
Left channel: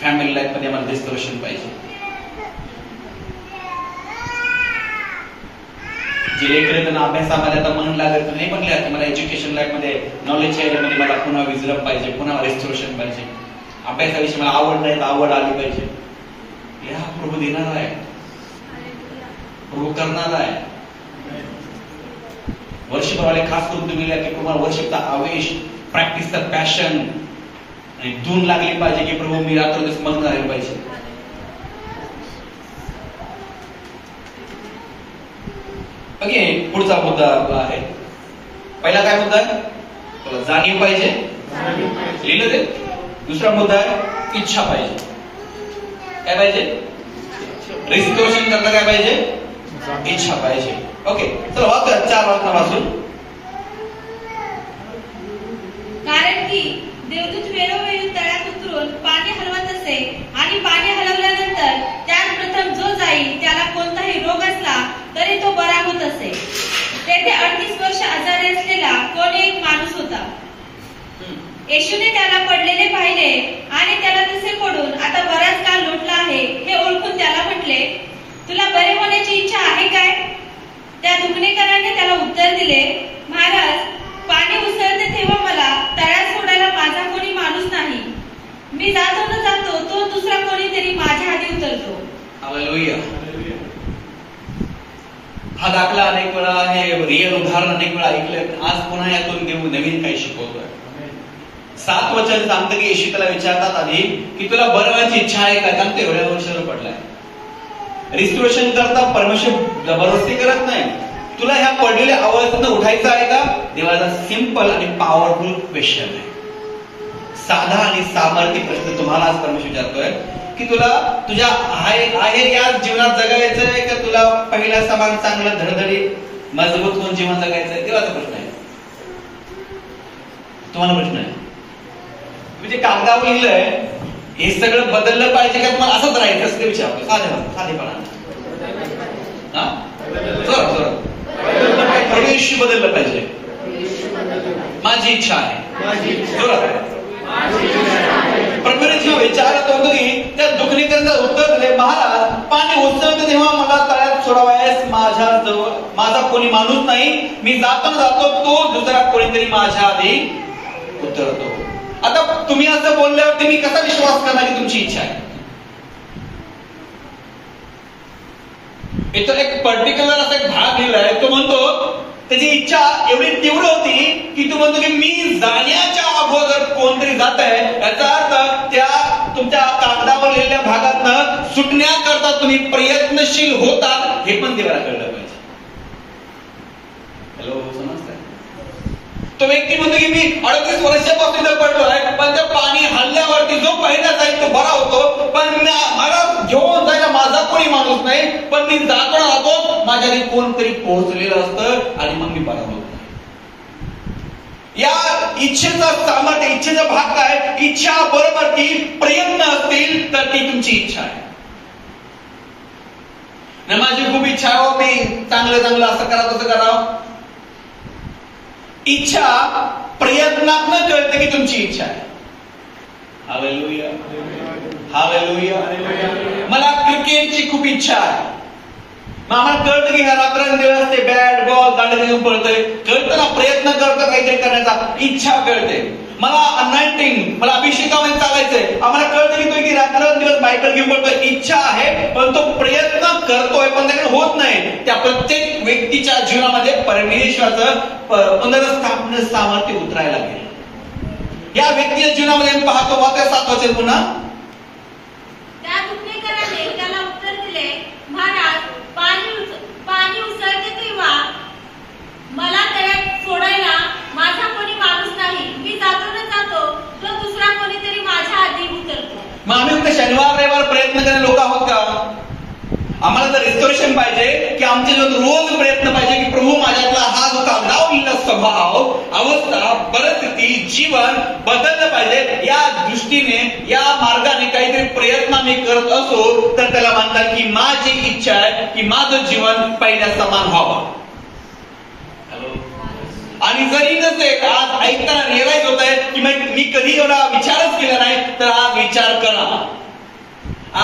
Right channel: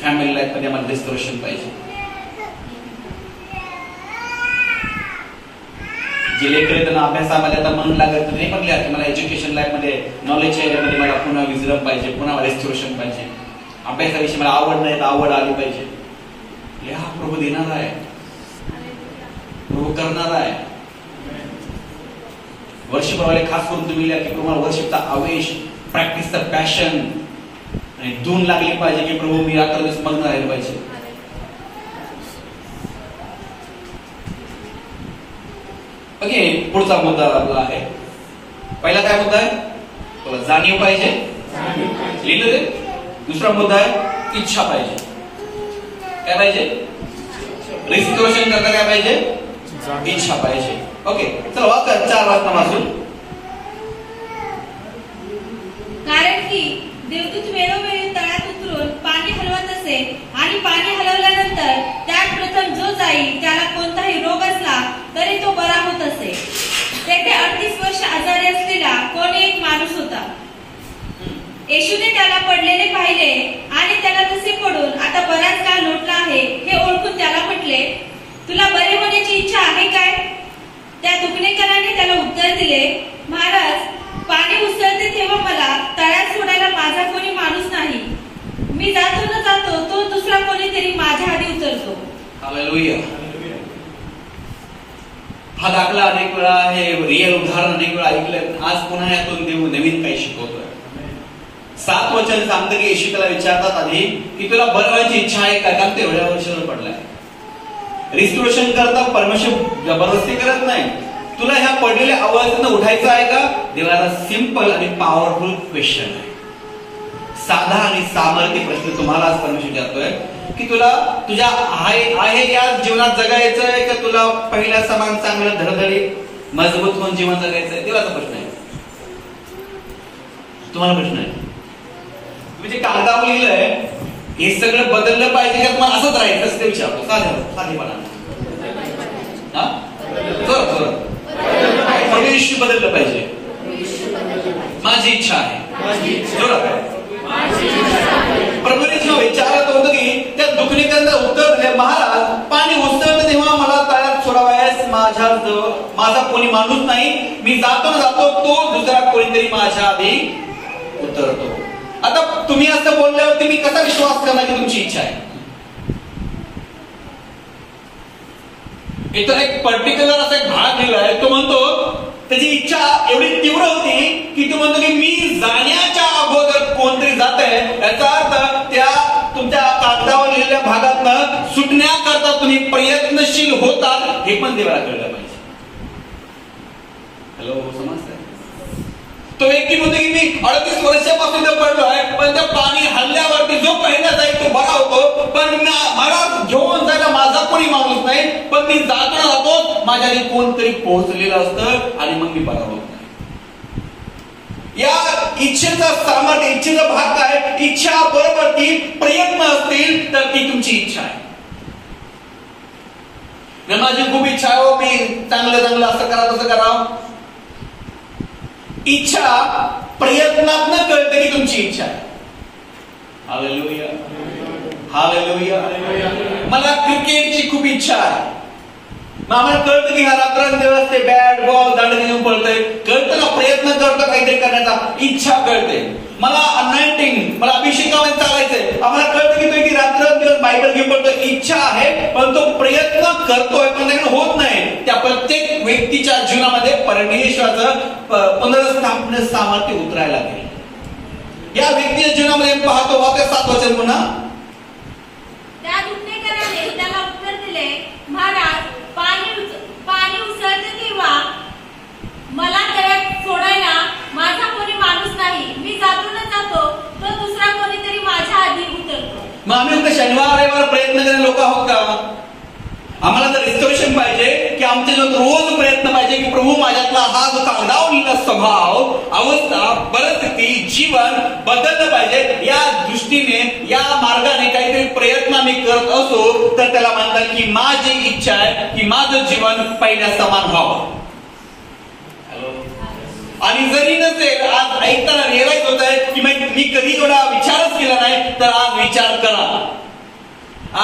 फॅमिली लाईफ मध्ये मला रेस्टोरेशन पाहिजे. जे लेकर त्यांना अभ्यासामध्ये आता मन लागत नाही पण लिहा की मला एज्युकेशन लाईफ मध्ये नॉलेज एरियामध्ये मला पुन्हा विजडम पाहिजे, पुन्हा रेस्टोरेशन पाहिजे. अभ्यासाविषयी मला आवड नाही तर आवड आली पाहिजे. लिहा, प्रभू देणार आहे, प्रभू करणार आहे. वर्षभराला खास करून तुम्ही लिहा की प्रभू वर्षिपचा आवेश, प्रॅक्टिसचा पॅशन आणि धून लागली पाहिजे की प्रभू मी रात्रदिवस मग्न राहिलं पाहिजे. ओके, पुढचा मुद्दा आपला आहे. पहिला काय मुद्दा आहे? तुला जाणीव पाहिजे, लिहिलं ते. दुसरा मुद्दा आहे इच्छा पाहिजे. काय पाहिजे? रेस्टोरेशन करता काय पाहिजे? इच्छा पाहिजे. ओके, चला वाचा 4 वाचून. कारण की देवदूत वेळोवेळी तळ्यात उतरून पाणी हलवत असे आणि पाणी हलवल्यानंतर त्यात प्रथम जो जाईल त्याला कोणताही रोग असला तरी तो बरा होत असे. तेथे 38 वर्ष आजारी असलेला कोण एक माणूस होता. येशूने त्याला पडलेले पाहिले आणि त्याला तसे पडून आता बराच काळ लोटला आहे हे ओळखून त्याला म्हटले, तुला बरे होण्याची इच्छा आहे काय? त्या दुखणेकराने त्याला उत्तर दिले, महाराज, पाणी उसळते तेव्हा मला तळ्यात सोडायला माझा कोणी माणूस नाही. मी जातो न जातो तो दुसरा कोणीतरी माझ्या आधी उतरतो. हालेलुया. हा दाखला अनेक वेळा, हे रिअल उदाहरण अनेक वेळा ऐकलं. आज पुन्हा यातून देव नवीन काही शिकवतोय. 7 वचन सांगतं की येशू त्याला विचारतात आधी की तुला बरं व्हायची इच्छा आहे का? कारण ते एवढ्या वर्षावर पडलाय. रिस्टोरेशन करता परमेश्वर जबरदस्ती करत नाही. तुला ह्या पडलेल्या अवस्थेतून उठायचं आहे का? देवाचा सिंपल आणि पॉवरफुल क्वेश्चन आहे. साधा आणि सामर्थ्य प्रश्न तुम्हाला आज परमेश्वर विचारतोय की तुला तुझ्या आहे या जीवनात जगायचं आहे का तुला पहिल्या समान चांगलं धडधडी मजबूत होऊन जीवन जगायचं आहे? देवाचा प्रश्न आहे. तुम्हाला प्रश्न आहे, मी ते कागदावर लिहिलंय, हे सगळं बदललं पाहिजे का तुम्हाला असंच राहायचं असं ते विचारतो साधेपणा. परमेश्वर बदललं पाहिजे, माझी इच्छा आहे. प्रभूने जेव्हा विचारत होतं की त्या दुखणेकरांना उत्तर दिले, महाराज पाणी उसळतं तेव्हा मला तळ्यात सोडावयास माझा कोणी माणूस नाही, मी जातो तो दुसरा कोणीतरी माझ्या आधी उतरतो. आता तुम्ही असं बोलल्यावरती मी कसा विश्वास करणार की तुमची इच्छा आहे? इथं एक पर्टिक्युलर असा एक भाग लिहिलाय, तो म्हणतो त्याची इच्छा एवढी तीव्र होती की तो म्हणतो की मी जाण्याच्या अगोदर कोणतरी जात आहे, याचा अर्थ त्या तुमच्या कागदावर लिहिलेल्या भागातनं सुटण्याकरता तुम्ही प्रयत्नशील होतात हे पण देवाला कळलं पाहिजे. हॅलो, समजतंय? तो व्यक्ती म्हणतो की मी 38 वर्षापासून पडलोय, पण त्या पाणी हल्ल्यावरती जो पहिला जाईल तो बरा होतो, पण मला घेऊन जायला माझा कोणी माणूस नाही, पण मी जातो माझ्या कोणतरी पोहोचलेलं असतं आणि मग मी बरा होत नाही. या इच्छेचा सामर्थ्य, इच्छेचा भाग काय? इच्छा बरोबर की प्रयत्न असतील तर ती तुमची इच्छा आहे. माझी खूप इच्छा आहे, हो मी चांगलं असं करावं तसं करावं. इच्छा प्रयत्नातनं कळते की तुमची इच्छा आहे. Hallelujah, hallelujah. मला क्रिकेटची खूप इच्छा आहे, मग आम्हाला कळतं की रात्रंदिवस ते बॅट बॉल दांडे घेऊन पळतोय, कळतं ना, प्रयत्न करतो काहीतरी करण्याचा, इच्छा कळते. मला अनाइंटिंग, मला अभिषेकामध्ये चालायचंय, आम्हाला कळतं की तुम्ही रात्रंदिवस बायबल घेऊन पळतोय, इच्छा आहे, पण तो प्रयत्न करतोय पण त्याकडे होत नाही. त्या प्रत्येक व्यक्तीच्या जीवनामध्ये परमेश्वराचं पुनर्स्थापन सामर्थ्य उतरायला लागेल. या व्यक्तीच्या जीवनामध्ये आम्ही पाहतो, वाक्य 7 वचन पुन्हा, त्या दुखणेकराने त्याला उत्तर दिले, महाराज पाणी उसळते तेव्हा मला तळ्यात सोडायला माझा कोणी माणूस नाही, मी जातो तो दुसरा कोणीतरी माझ्या आधी उतरतो. मग आम्ही शनिवार रविवार प्रयत्न करणारे लोक आहोत का? आम्हाला जर रिस्टोरेशन पाहिजे की आमच्या जीवनात रोज प्रयत्न पाहिजे की प्रभू माझ्यातला हा जो कागदावलेला स्वभाव, अवस्था, परिस्थिती, जीवन बदललं पाहिजे, या दृष्टीने या मार्गाने काहीतरी प्रयत्न मी करत असो तर त्याला म्हणतात की माझी इच्छा आहे की माझं जीवन पहिल्या समान व्हावं. आणि जरी नसेल, आज ऐकताना रिअलाइज होत आहे की मी कधी एवढा विचारच केला नाही, तर आज विचार करा.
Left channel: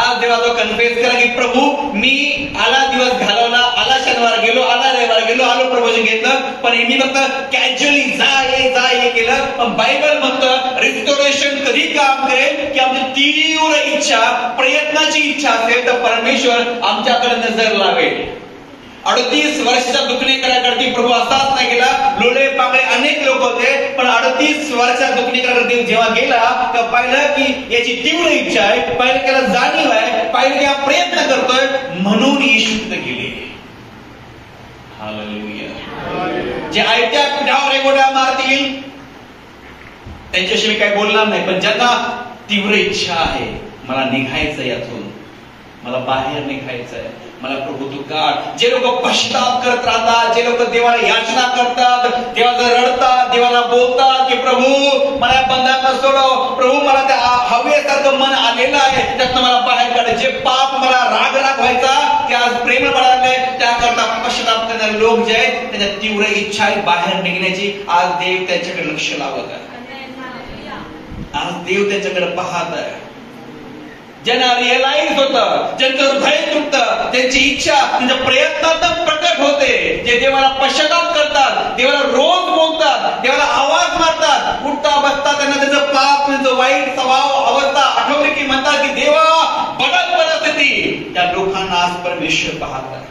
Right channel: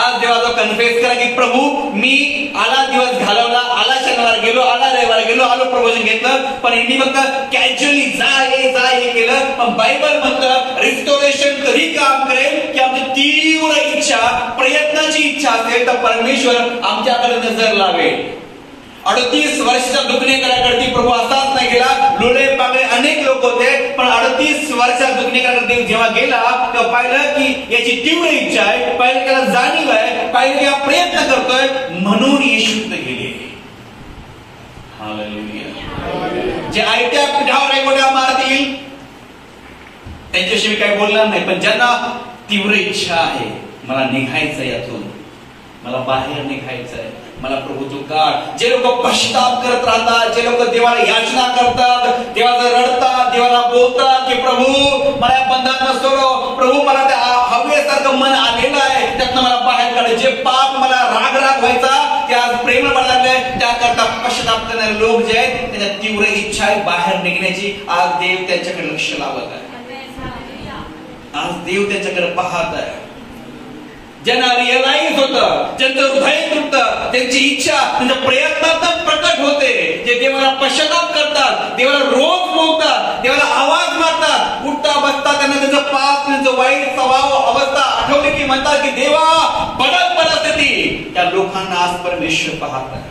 आज देवाचा कन्फेस करा की प्रभू मी आला दिवस घालवला, आला शनिवार गेलो, आला रविवार गेलो, आलो प्रवचन घेतलं, पण मी फक्त कॅज्युअली जा ये केलं. पण बायबल म्हणतं रिस्टोरेशन कधी काम करेल की आमची तीव्र इच्छा, प्रयत्नाची इच्छा असेल तर परमेश्वर आमच्याकडे नजर लावेल. 38 वर्षाच्या दुखणेकराकडे प्रभू असाच नाही गेला, लोळे पांगळे अनेक लोक होते, पण 38 वर्षाच्या दुखणेकराकडे जेव्हा गेला तेव्हा पाहिलं की याची तीव्र इच्छा आहे, पाहिलं त्याला जाणीव आहे, पाहिलं त्या प्रयत्न करतोय, म्हणून येशू गेले. हालेलुया. जे आयत्या पिठावर एवढ्या मारतील त्यांच्याशी मी काही बोलणार नाही, पण ज्यांना तीव्र इच्छा आहे, मला निघायचं यातून, मला बाहेर निघायचंय, मला प्रभू तू काढ. जे लोक पश्चाताप करत राहतात, जे लोक देवाला याचना करतात, देवाला रडतात, देवाला बोलतात की प्रभू मला या बंधनातून सोडव, प्रभू मला त्या हवेसारखं मन आलेलं आहे त्यातनं मला बाहेर काढ, जे पाप मला राग व्हायचा ते आज प्रेम पडायला लागलंय, त्याकरता पश्चाताप करणारे लोक जे आहेत त्यांच्या तीव्र इच्छा आहे बाहेर निघण्याची. आज देव त्यांच्याकडे लक्ष लावत आहे, आज देव त्यांच्याकडे पाहत आहे. ज्यांना रिअलाइज होतं, ज्यांचं हृदय तुटतं, त्यांची इच्छा त्यांच्या प्रयत्नातून प्रकट होते, जे देवाला पश्चाताप करतात, देवाला रोज बोलतात, देवाला आवाज मारतात, उठता बसता त्यांना त्याचं पाप, त्यांचं वाईट स्वभाव अवस्था आठवली की म्हणतात की देवा बदल परिस्थिती. त्या लोकांना आज परमेश्वर पाहत आहे.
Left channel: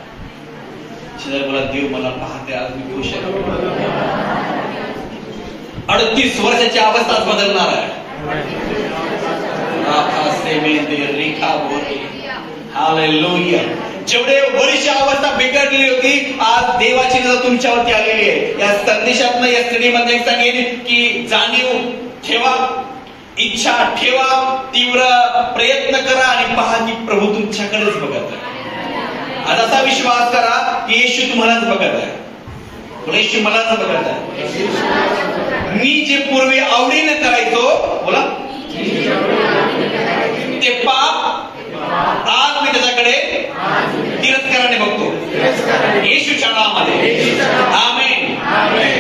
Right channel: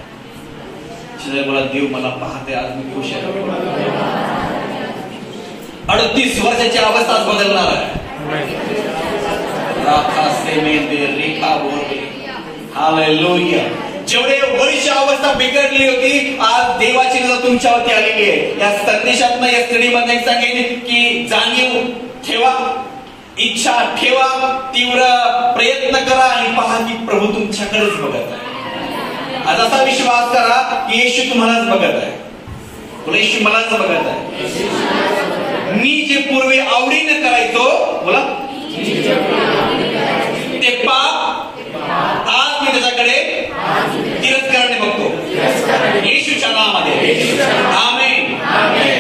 मला देव मला पाहते, आज मी खुश आहे. 38 वर्षाची अवस्था बदलणार आहे. जेवढे वर्ष अवस्था बिघडली होती, आज देवाची नजर तुमच्यावरती आलेली आहे. या संदेशात या स्टडीमध्ये सांगेन की जाणीव ठेवा, इच्छा ठेवा, तीव्र प्रयत्न करा आणि पहा की प्रभू तुमच्याकडेच बघत आहे. आज असा विश्वास करा की येशू तुम्हालाच बघत आहे, येशू मलाच बघत आहे. मी जे पूर्वी आवडीने करायचो, बोला, ते पाप आज मी त्याच्याकडे तिरस्काराने बघतो. येशूच्या नावामध्ये आमेन,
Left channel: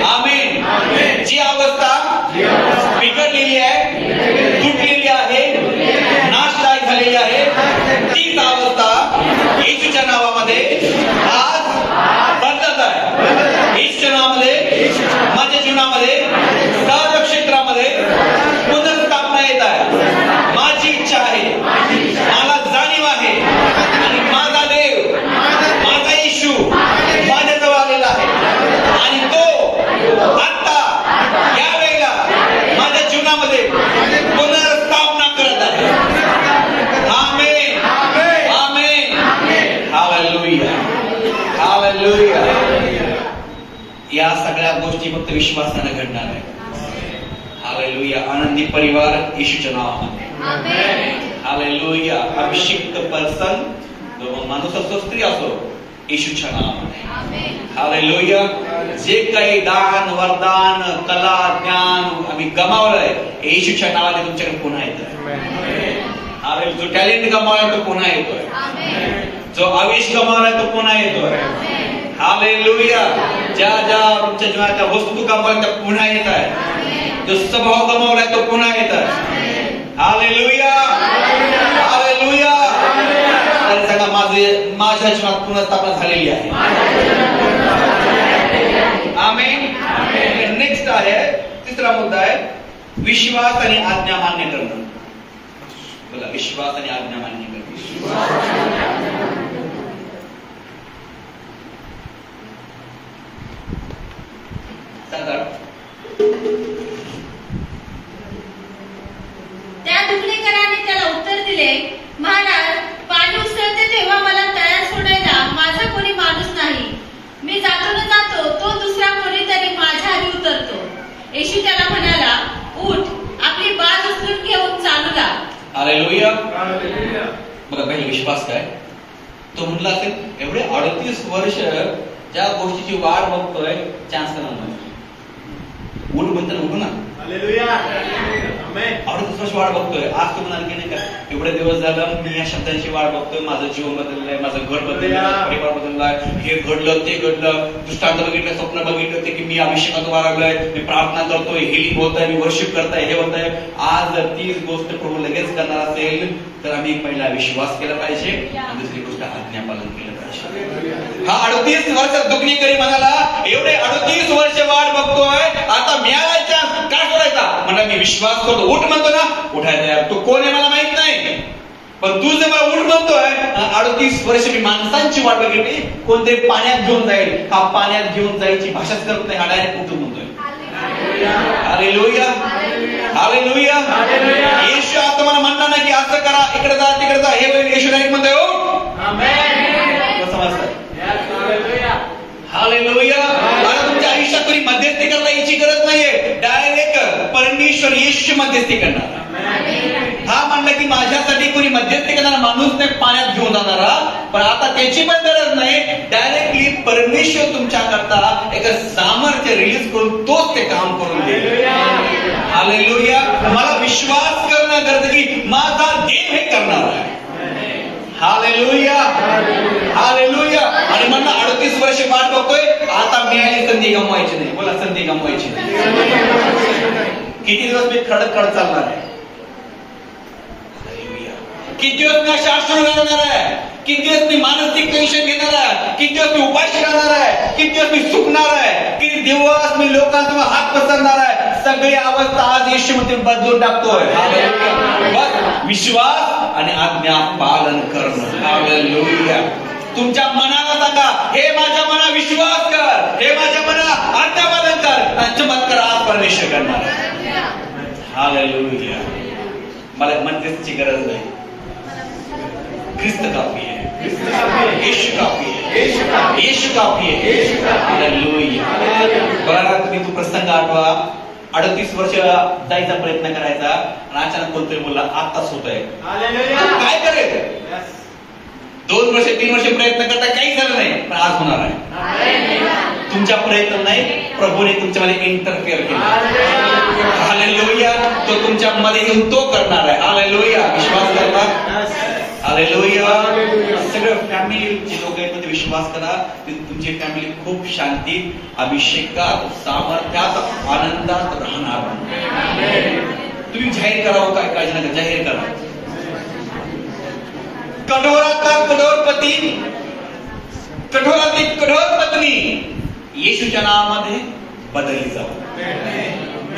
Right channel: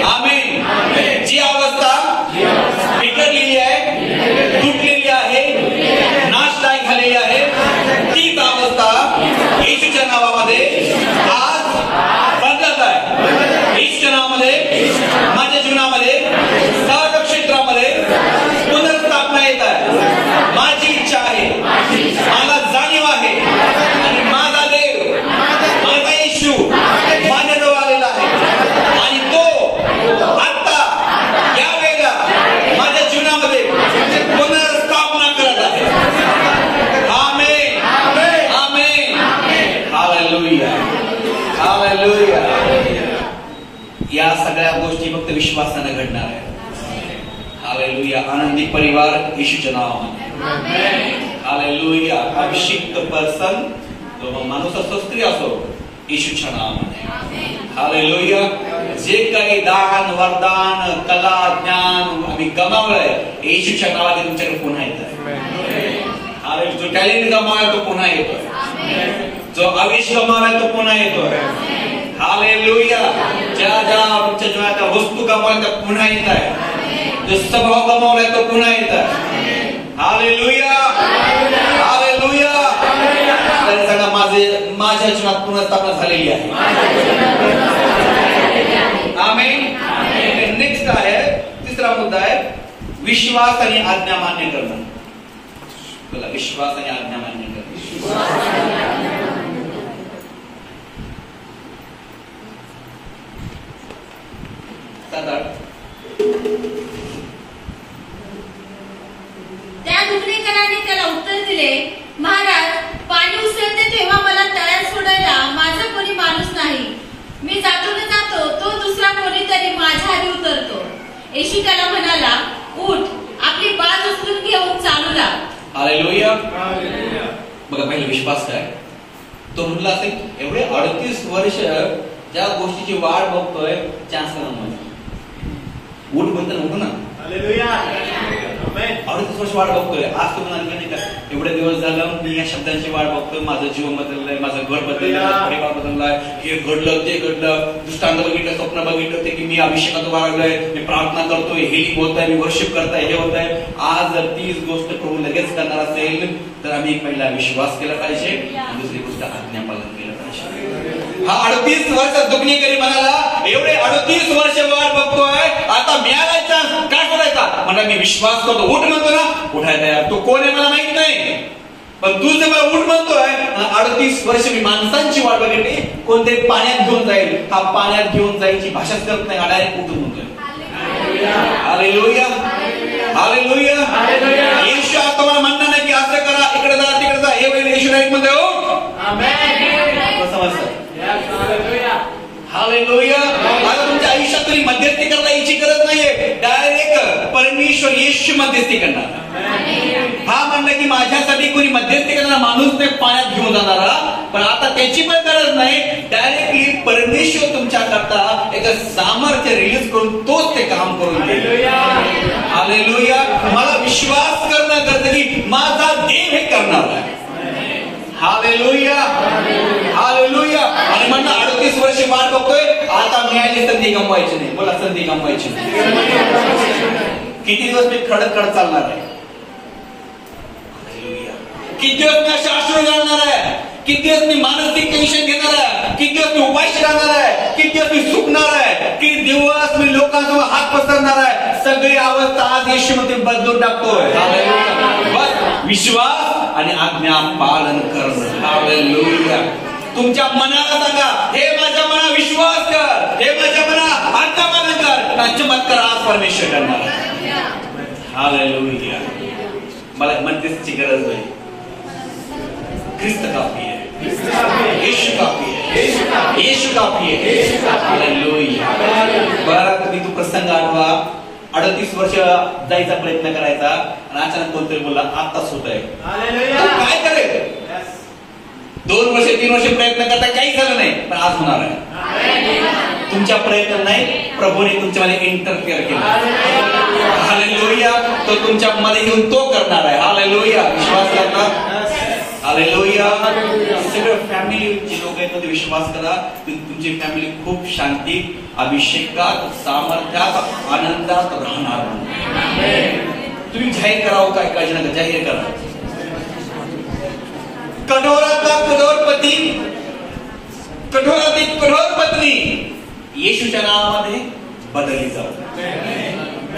आमेन. जी अवस्था बिघडलेली आहे, तुटलेली आहे, नाशदायक झालेली आहे, तीच अवस्था येशूच्या नावामध्ये आज बदलत आहे. येशूच्या नावामध्ये माझ्या जीवनामध्ये सर्व क्षेत्रामध्ये पुनर्स्थापना येत आहे. माझी इच्छा आहे, मला जाणीव आहे, आणि माझा देव, माझा येशू माझ्याजवळ आलेला आहे, आणि तो आता या वेळेला माझ्या जीवनामध्ये पुनर्स्थापना करत आहे. आमेन, आमेन, हालेलुया, हालेलुया. या सगळ्या गोष्टी फक्त विश्वासाने घडणार आहे. हालेलुया. आनंदी परिवार येशूच्या नावामध्ये. हालेलुया. अभिषिक्त पर्सन, जो माणूस असो, स्त्री असो, येशूच्या नावामध्ये. हालेलुया. जे काही दान, वरदान, कला, ज्ञान आम्ही गमावलंय, येशूच्या नावाने तुमच्याकडे पुन्हा येतोय. हालेलुया. जो टॅलेंट गमावलाय तो पुन्हा येतोय. जो आवेश गमावलाय तो पुन्हा येतोय. हालेलुया. ज्या तुमच्या जीवनाच्या वस्तू गमावल्या त्या पुन्हा येत आहे. जो स्वभाव गमावलाय तो पुन्हा येत आहे. Hallelujah, hallelujah. सगळं माझ्या जीवनात पुनर्स्थापना झालेली आहे. आमेन. नेक्स्ट आहे, तिसरा मुद्दा आहे विश्वास आणि आज्ञा मान्य करणं. बोला, विश्वास आणि आज्ञा मान्य करणं. त्या दुखणेकराने त्याला उत्तर दिले, महाराज, पाणी उसळते तेव्हा मला तळ्यात सोडायला माझा कोणी माणूस नाही. मी जातो ना जातो, तो दुसरा कोणीतरी माझ्या आधी उतरतो. येशू त्याला म्हणाला, उठ, आपली बाज उचलून घेऊन चालू लाग. हालेलुया. बघा, काही विश्वास काय तो म्हटला असेल, एवढे 38 वर्ष ज्या गोष्टीची वाट बघतोय, चान्स नाही. उठ म्हणतो ना, उठ ना. 38 वर्ष वाट बघतोय. आज तुम्हाला आणखी नाही का, एवढे दिवस झालं मी या शब्दांची वाट बघतोय. माझं जीवन बदललंय, माझं घर बदललंय, माझा परिवार बदललाय, हे घडलं ते घडलं, दृष्टांत बघितलं, स्वप्न बघितलं ते की मी अभिषेकात वाढलोय, मी प्रार्थना करतोय, हिलिंग होत आहे, मी वर्शिप करताय, हे होत आहे. आज जर तीच गोष्ट प्रभू लगेच करणार असेल तर आम्ही पहिला विश्वास केला पाहिजे, आणि दुसरी गोष्ट आज्ञा पालन केलं पाहिजे. हा 38 वर्ष दुखणेकरी म्हणाला, एवढे 38 वर्ष वाट बघतोय, आता मिळायचा काय करायचा? म्हणा मी विश्वास करतो. उठ म्हणतो ना, उठायला यार. तो कोण आहे मला माहित नाही, पण तू जे मला उठ म्हणतोय, 38 वर्ष मी माणसांची वाट बघितली, कोणतरी पाण्यात घेऊन जाईल. हा पाण्यात घेऊन जायची भाषाच करत नाही, हा डायरेक्ट उठून म्हणतोय. Hallelujah, hallelujah. येशू आता मला म्हणणार नाही की असं करा, इकडे जा, तिकडे जा. हे वेळी येशू डायरेक्ट म्हणतोय, हालेलुया. आता तुमच्या आयुष्यात कोणी मध्यस्थी करता याची गरज नाहीये, डायरेक्ट परमेश्वर येशू मध्यस्थी करणार. हा म्हणलं की माझ्यासाठी कोणी मध्यस्थी करणारा माणूस नाही पाण्यात घेऊन जाणारा, पण आता त्याची पण गरज नाही. डायरेक्टली परमेश्वर तुमच्या करता एक सामर्थ्य रिलीज करून तोच ते काम करून देईल. हालेलुया. मला विश्वास करणं गरज की माझा देव हे करणार आहे. Hallelujah, hallelujah. आणि म्हणलं 38 वर्ष वाट बघतोय, आता मिळाली संधी गमवायची नाही. बोला, संधी गमवायची नाही. किती दिवस मी खडक चालणार आहे? किती दिवस मी शास्त्र घालणार आहे? किती दिवस मी मानसिक टेन्शन घेणार आहे? किती दिवस मी उपाशी राहणार आहे? किती दिवस मी सुकणार आहे? किती दिवस मी लोकांसमोर हात पसरणार आहे? सगळी अवस्था आज येशूमध्ये बदलून टाकतोय. बस विश्वास आणि आज्ञा पालन करणं. हालेलुया. तुमच्या मनाला सांगा, हे माझ्या मना विश्वास कर, हे माझ्या मना आज्ञा पालन कर. चमत्कार आज परमेश्वर करणार. हालेलुया. मला मध्यस्थीची गरज नाही. ख्रिस्त काफी है, येशू काफी है, येशू काफी है. हालेलुया. बरं, तुम्ही तो प्रसंग आठवा. 38 वर्ष जायचा प्रयत्न करायचा, आणि अचानक कोणतरी बोलला आत्ताच होत आहे. काय करेल? 2 वर्ष 3 वर्ष प्रयत्न करता काही झालं नाही, पण आज होणार आहे. तुमच्या प्रयत्न नाही, प्रभूने तुमच्यामध्ये इंटरफेअर केला. हालेलुया. तो तुमच्या मध्ये येऊन तो करणार आहे. हालेलुया. विश्वास करा. हालेलुया. सगळं फॅमिलीचे लोक आहेत मध्ये विश्वास करा. तुमची फॅमिली खूप शांती, अभिषेकात, सामर्थ्यात, आनंदात राहणार. तुम्ही जाहीर करावं काय काळजी नका, जाहीर करा. कठोरातला कठोरपती, कठोरातील कठोर पत्नी येशूच्या नावामध्ये बदलली जाऊ.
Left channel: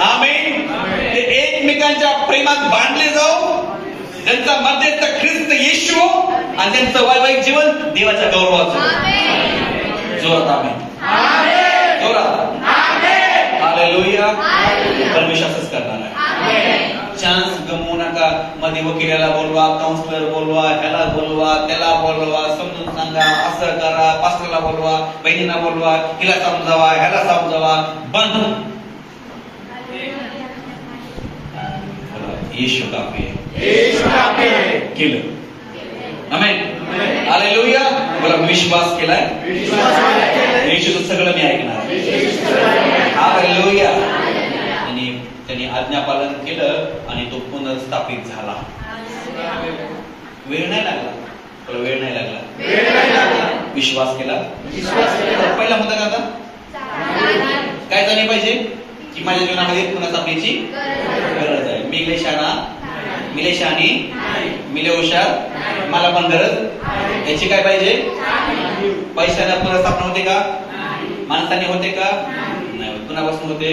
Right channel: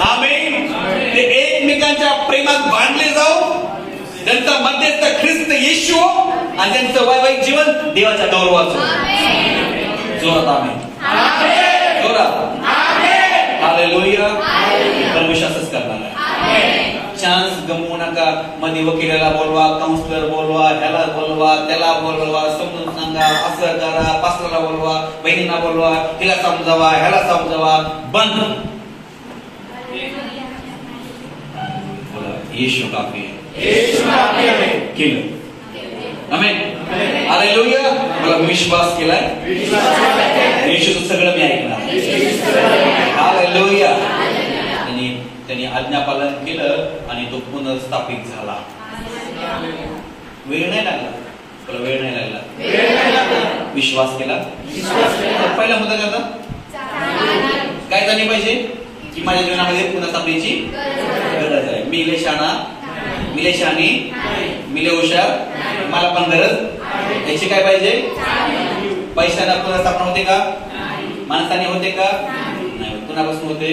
आमेन. ते एकमेकांच्या प्रेमात बांधले जाऊ. त्यांचा मध्यस्थ ख्रिस्त येशू आणि त्यांचं वैवाहिक जीवन देवाच्या गौरवाचं. जोरात आमेन. जोरात हालेलुया. परमेश्वर असंच करणार आहे. चान्स गमवू नका. मध्ये वकिलाला बोलवा, काउन्सिलर बोलवा, ह्याला बोलवा, त्याला बोलवा, समजून सांगा, असं करा, पास्टरला बोलवा, बहिणींना बोलवा, हिला समजावा, ह्याला समजावा. बंद. येशू काफी आहे. केलं. आमेन. हालेलुया. बोला विश्वास केलाय. येशूचं सगळं मी ऐकणार. हालेलुया. आणि त्यांनी आज्ञापालन केलं आणि तो पुनर्स्थापित झाला. वेळ नाही लागला. बोला वेळ नाही लागला. विश्वास केला. पहिला मुद्दा का काय झाली पाहिजे की माझ्या जीवनामध्ये पुनर्स्थापनेची गरज आहे. मी लय शहाणा, मी लय शहाणी, मी लय हुशार, मला पण गरज. त्याची काय पाहिजे? पैशाने पुनर्स्थापना होते का? माणसाने होते का? नाही. कुणापासून होते?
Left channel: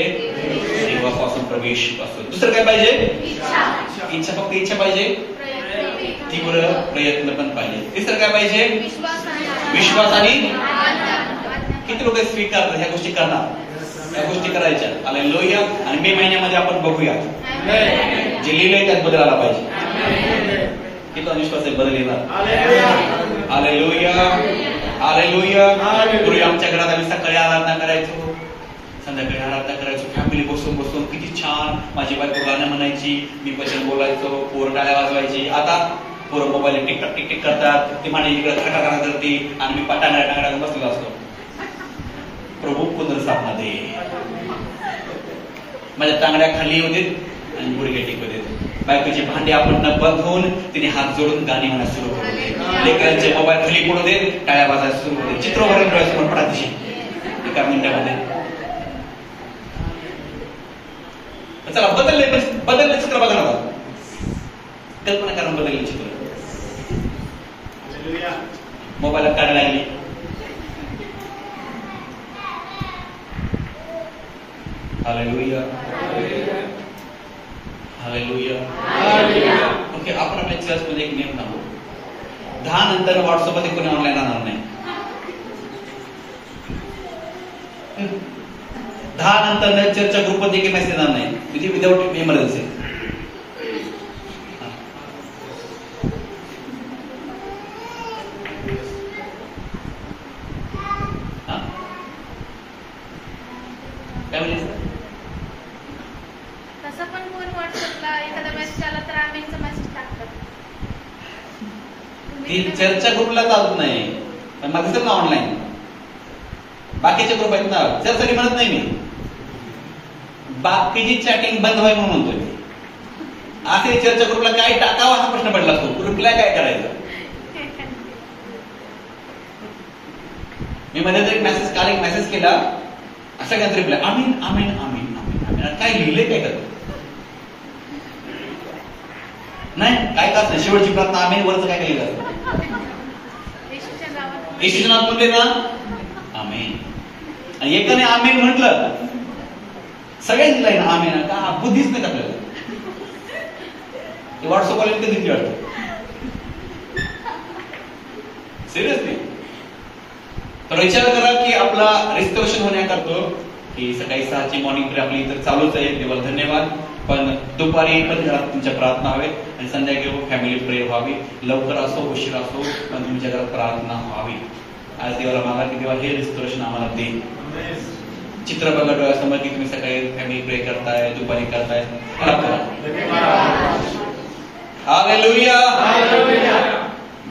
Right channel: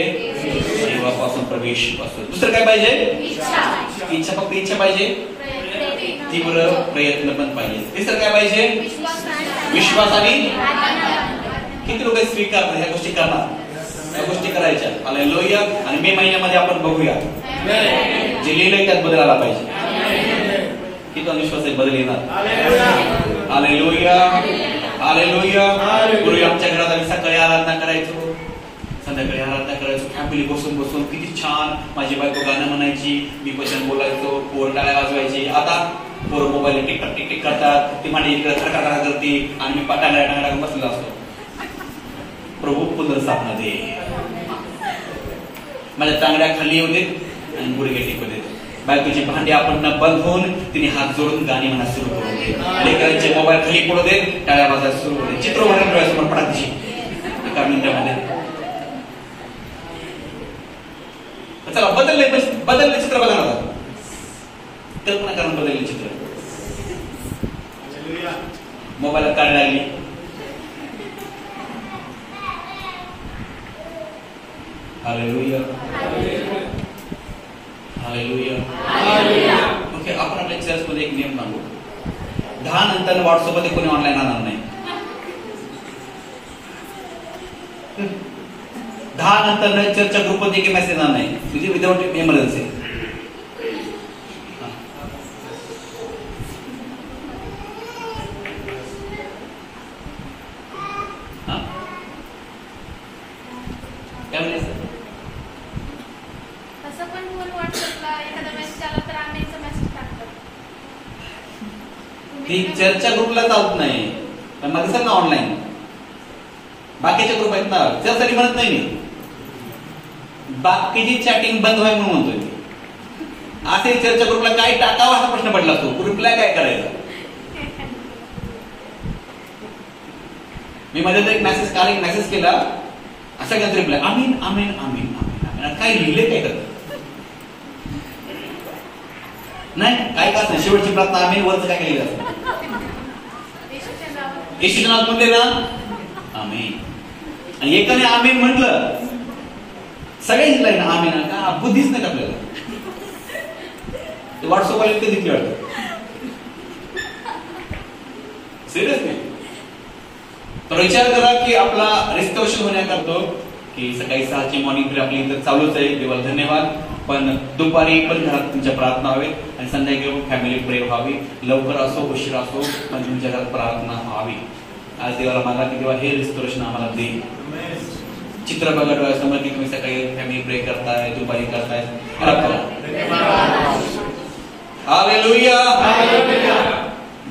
देवापासून, प्रवेश पासून. दुसरं काय पाहिजे? इच्छा. फक्त इच्छा पाहिजे. तीव्र प्रयत्न पण पाहिजे. तिसरं काय पाहिजे? विश्वास. आणि किती लोक स्वीकारतात ह्या गोष्टी करणार, या गोष्टी करायच्या. हालेलुया. आणि मे महिन्यामध्ये आपण बघूया जे लिहिलंय त्यात बदल आला पाहिजे. किती विश्वास आहे बदल येणार. हालेलुया. हालेलुया. पूर्वी आमच्या घरात आम्ही सकाळी आराधना करायचो, संध्याकाळी आराधना करायचो. फॅमिली बसून बसून किती छान. माझी बायको गाणं म्हणायची, मी वचन बोलायचो, पोर टाळ्या वाजवायची. आता पोर मोबाईल टिकटॉक टिकटिक करतात, ती माझी खटाखटा करते आणि मी पटाण्या टांगड्या बसलेला असतो. प्रभू पुनर्स्थापना दे. माझ्या टांगड्या खाली होते आणि गुडघे टेकवते. बायकोची भांडी आपण न बंद होऊन तिने हात जोडून गाणी म्हणा सुरू होते. लेकरांचे मोबाईल खाली पडू दे, टाळ्या वाजायला सुरू होते. चित्र वगैरे डोळ्यासमोर पडते एका मिनिटामध्ये. चला बदलले चित्र बघा ना. कल्पना करून बदलले चित्र. मोबाईलला काढायला लागली. हालेलुया. हालेलुया. ओके. आपण आपल्या चर्चमध्ये एक नियम सांगू. 10 नंतर व्हॉट्सअपमध्ये कोणी ऑनलाईन राहणार नाही. 10 नंतर चर्चच्या ग्रुपमध्ये काही मेसेज येणार नाही. म्हणजे विदाउट इमर्जन्सी. चर्चा ग्रुपला चालत नाही. पण माझं सर ना ऑनलाईन बाकीचे ग्रुप आहेत ना, त्यासाठी म्हणत नाही मी. बाकीची चॅटिंग बंद व्हावी म्हणून म्हणतोय. असे चर्चा ग्रुपला काय टाकावा हा प्रश्न पडला असतो. ग्रुपला काय करायचं? मी मध्ये एक मेसेज काल एक मेसेज केला. सगळ्यांत रिप्लाय आमीन आमीन आमीन आमीन आमीन. काय लिहिले काय करत नाही. काय करत नाही. शेवटची प्रार्थना आमीन वरच काय लिहिलं असतं. येशूच्या नावात म्हणले ना आमीन. आणि एकाने आमीन म्हटलं सगळ्यांनी लाईन आमीन. का बुद्धीच नाही आपल्याला. व्हॉट्सअप वाले कधी वाटत सिरियसली. तर विचार करा की आपला रिस्टोरेशन होण्याकरतो की सकाळी 6ची मॉर्निंग प्रेयर आपली इथं चालूच आहे. देवाला धन्यवाद. पण दुपारी पण घरात तुमच्या प्रार्थना हवे आणि संध्याकाळी फॅमिली प्रेयर व्हावी. लवकर असो उशीर असो पण तुमच्या घरात प्रार्थना व्हावी. आज देवाला मागा की देवा हे रिस्टोरेशन आम्हाला दे. चित्र बघा डोळ्यासमोर की तुम्ही सकाळी फॅमिली प्रेयर करताय, दुपारी करताय. हालेलुया.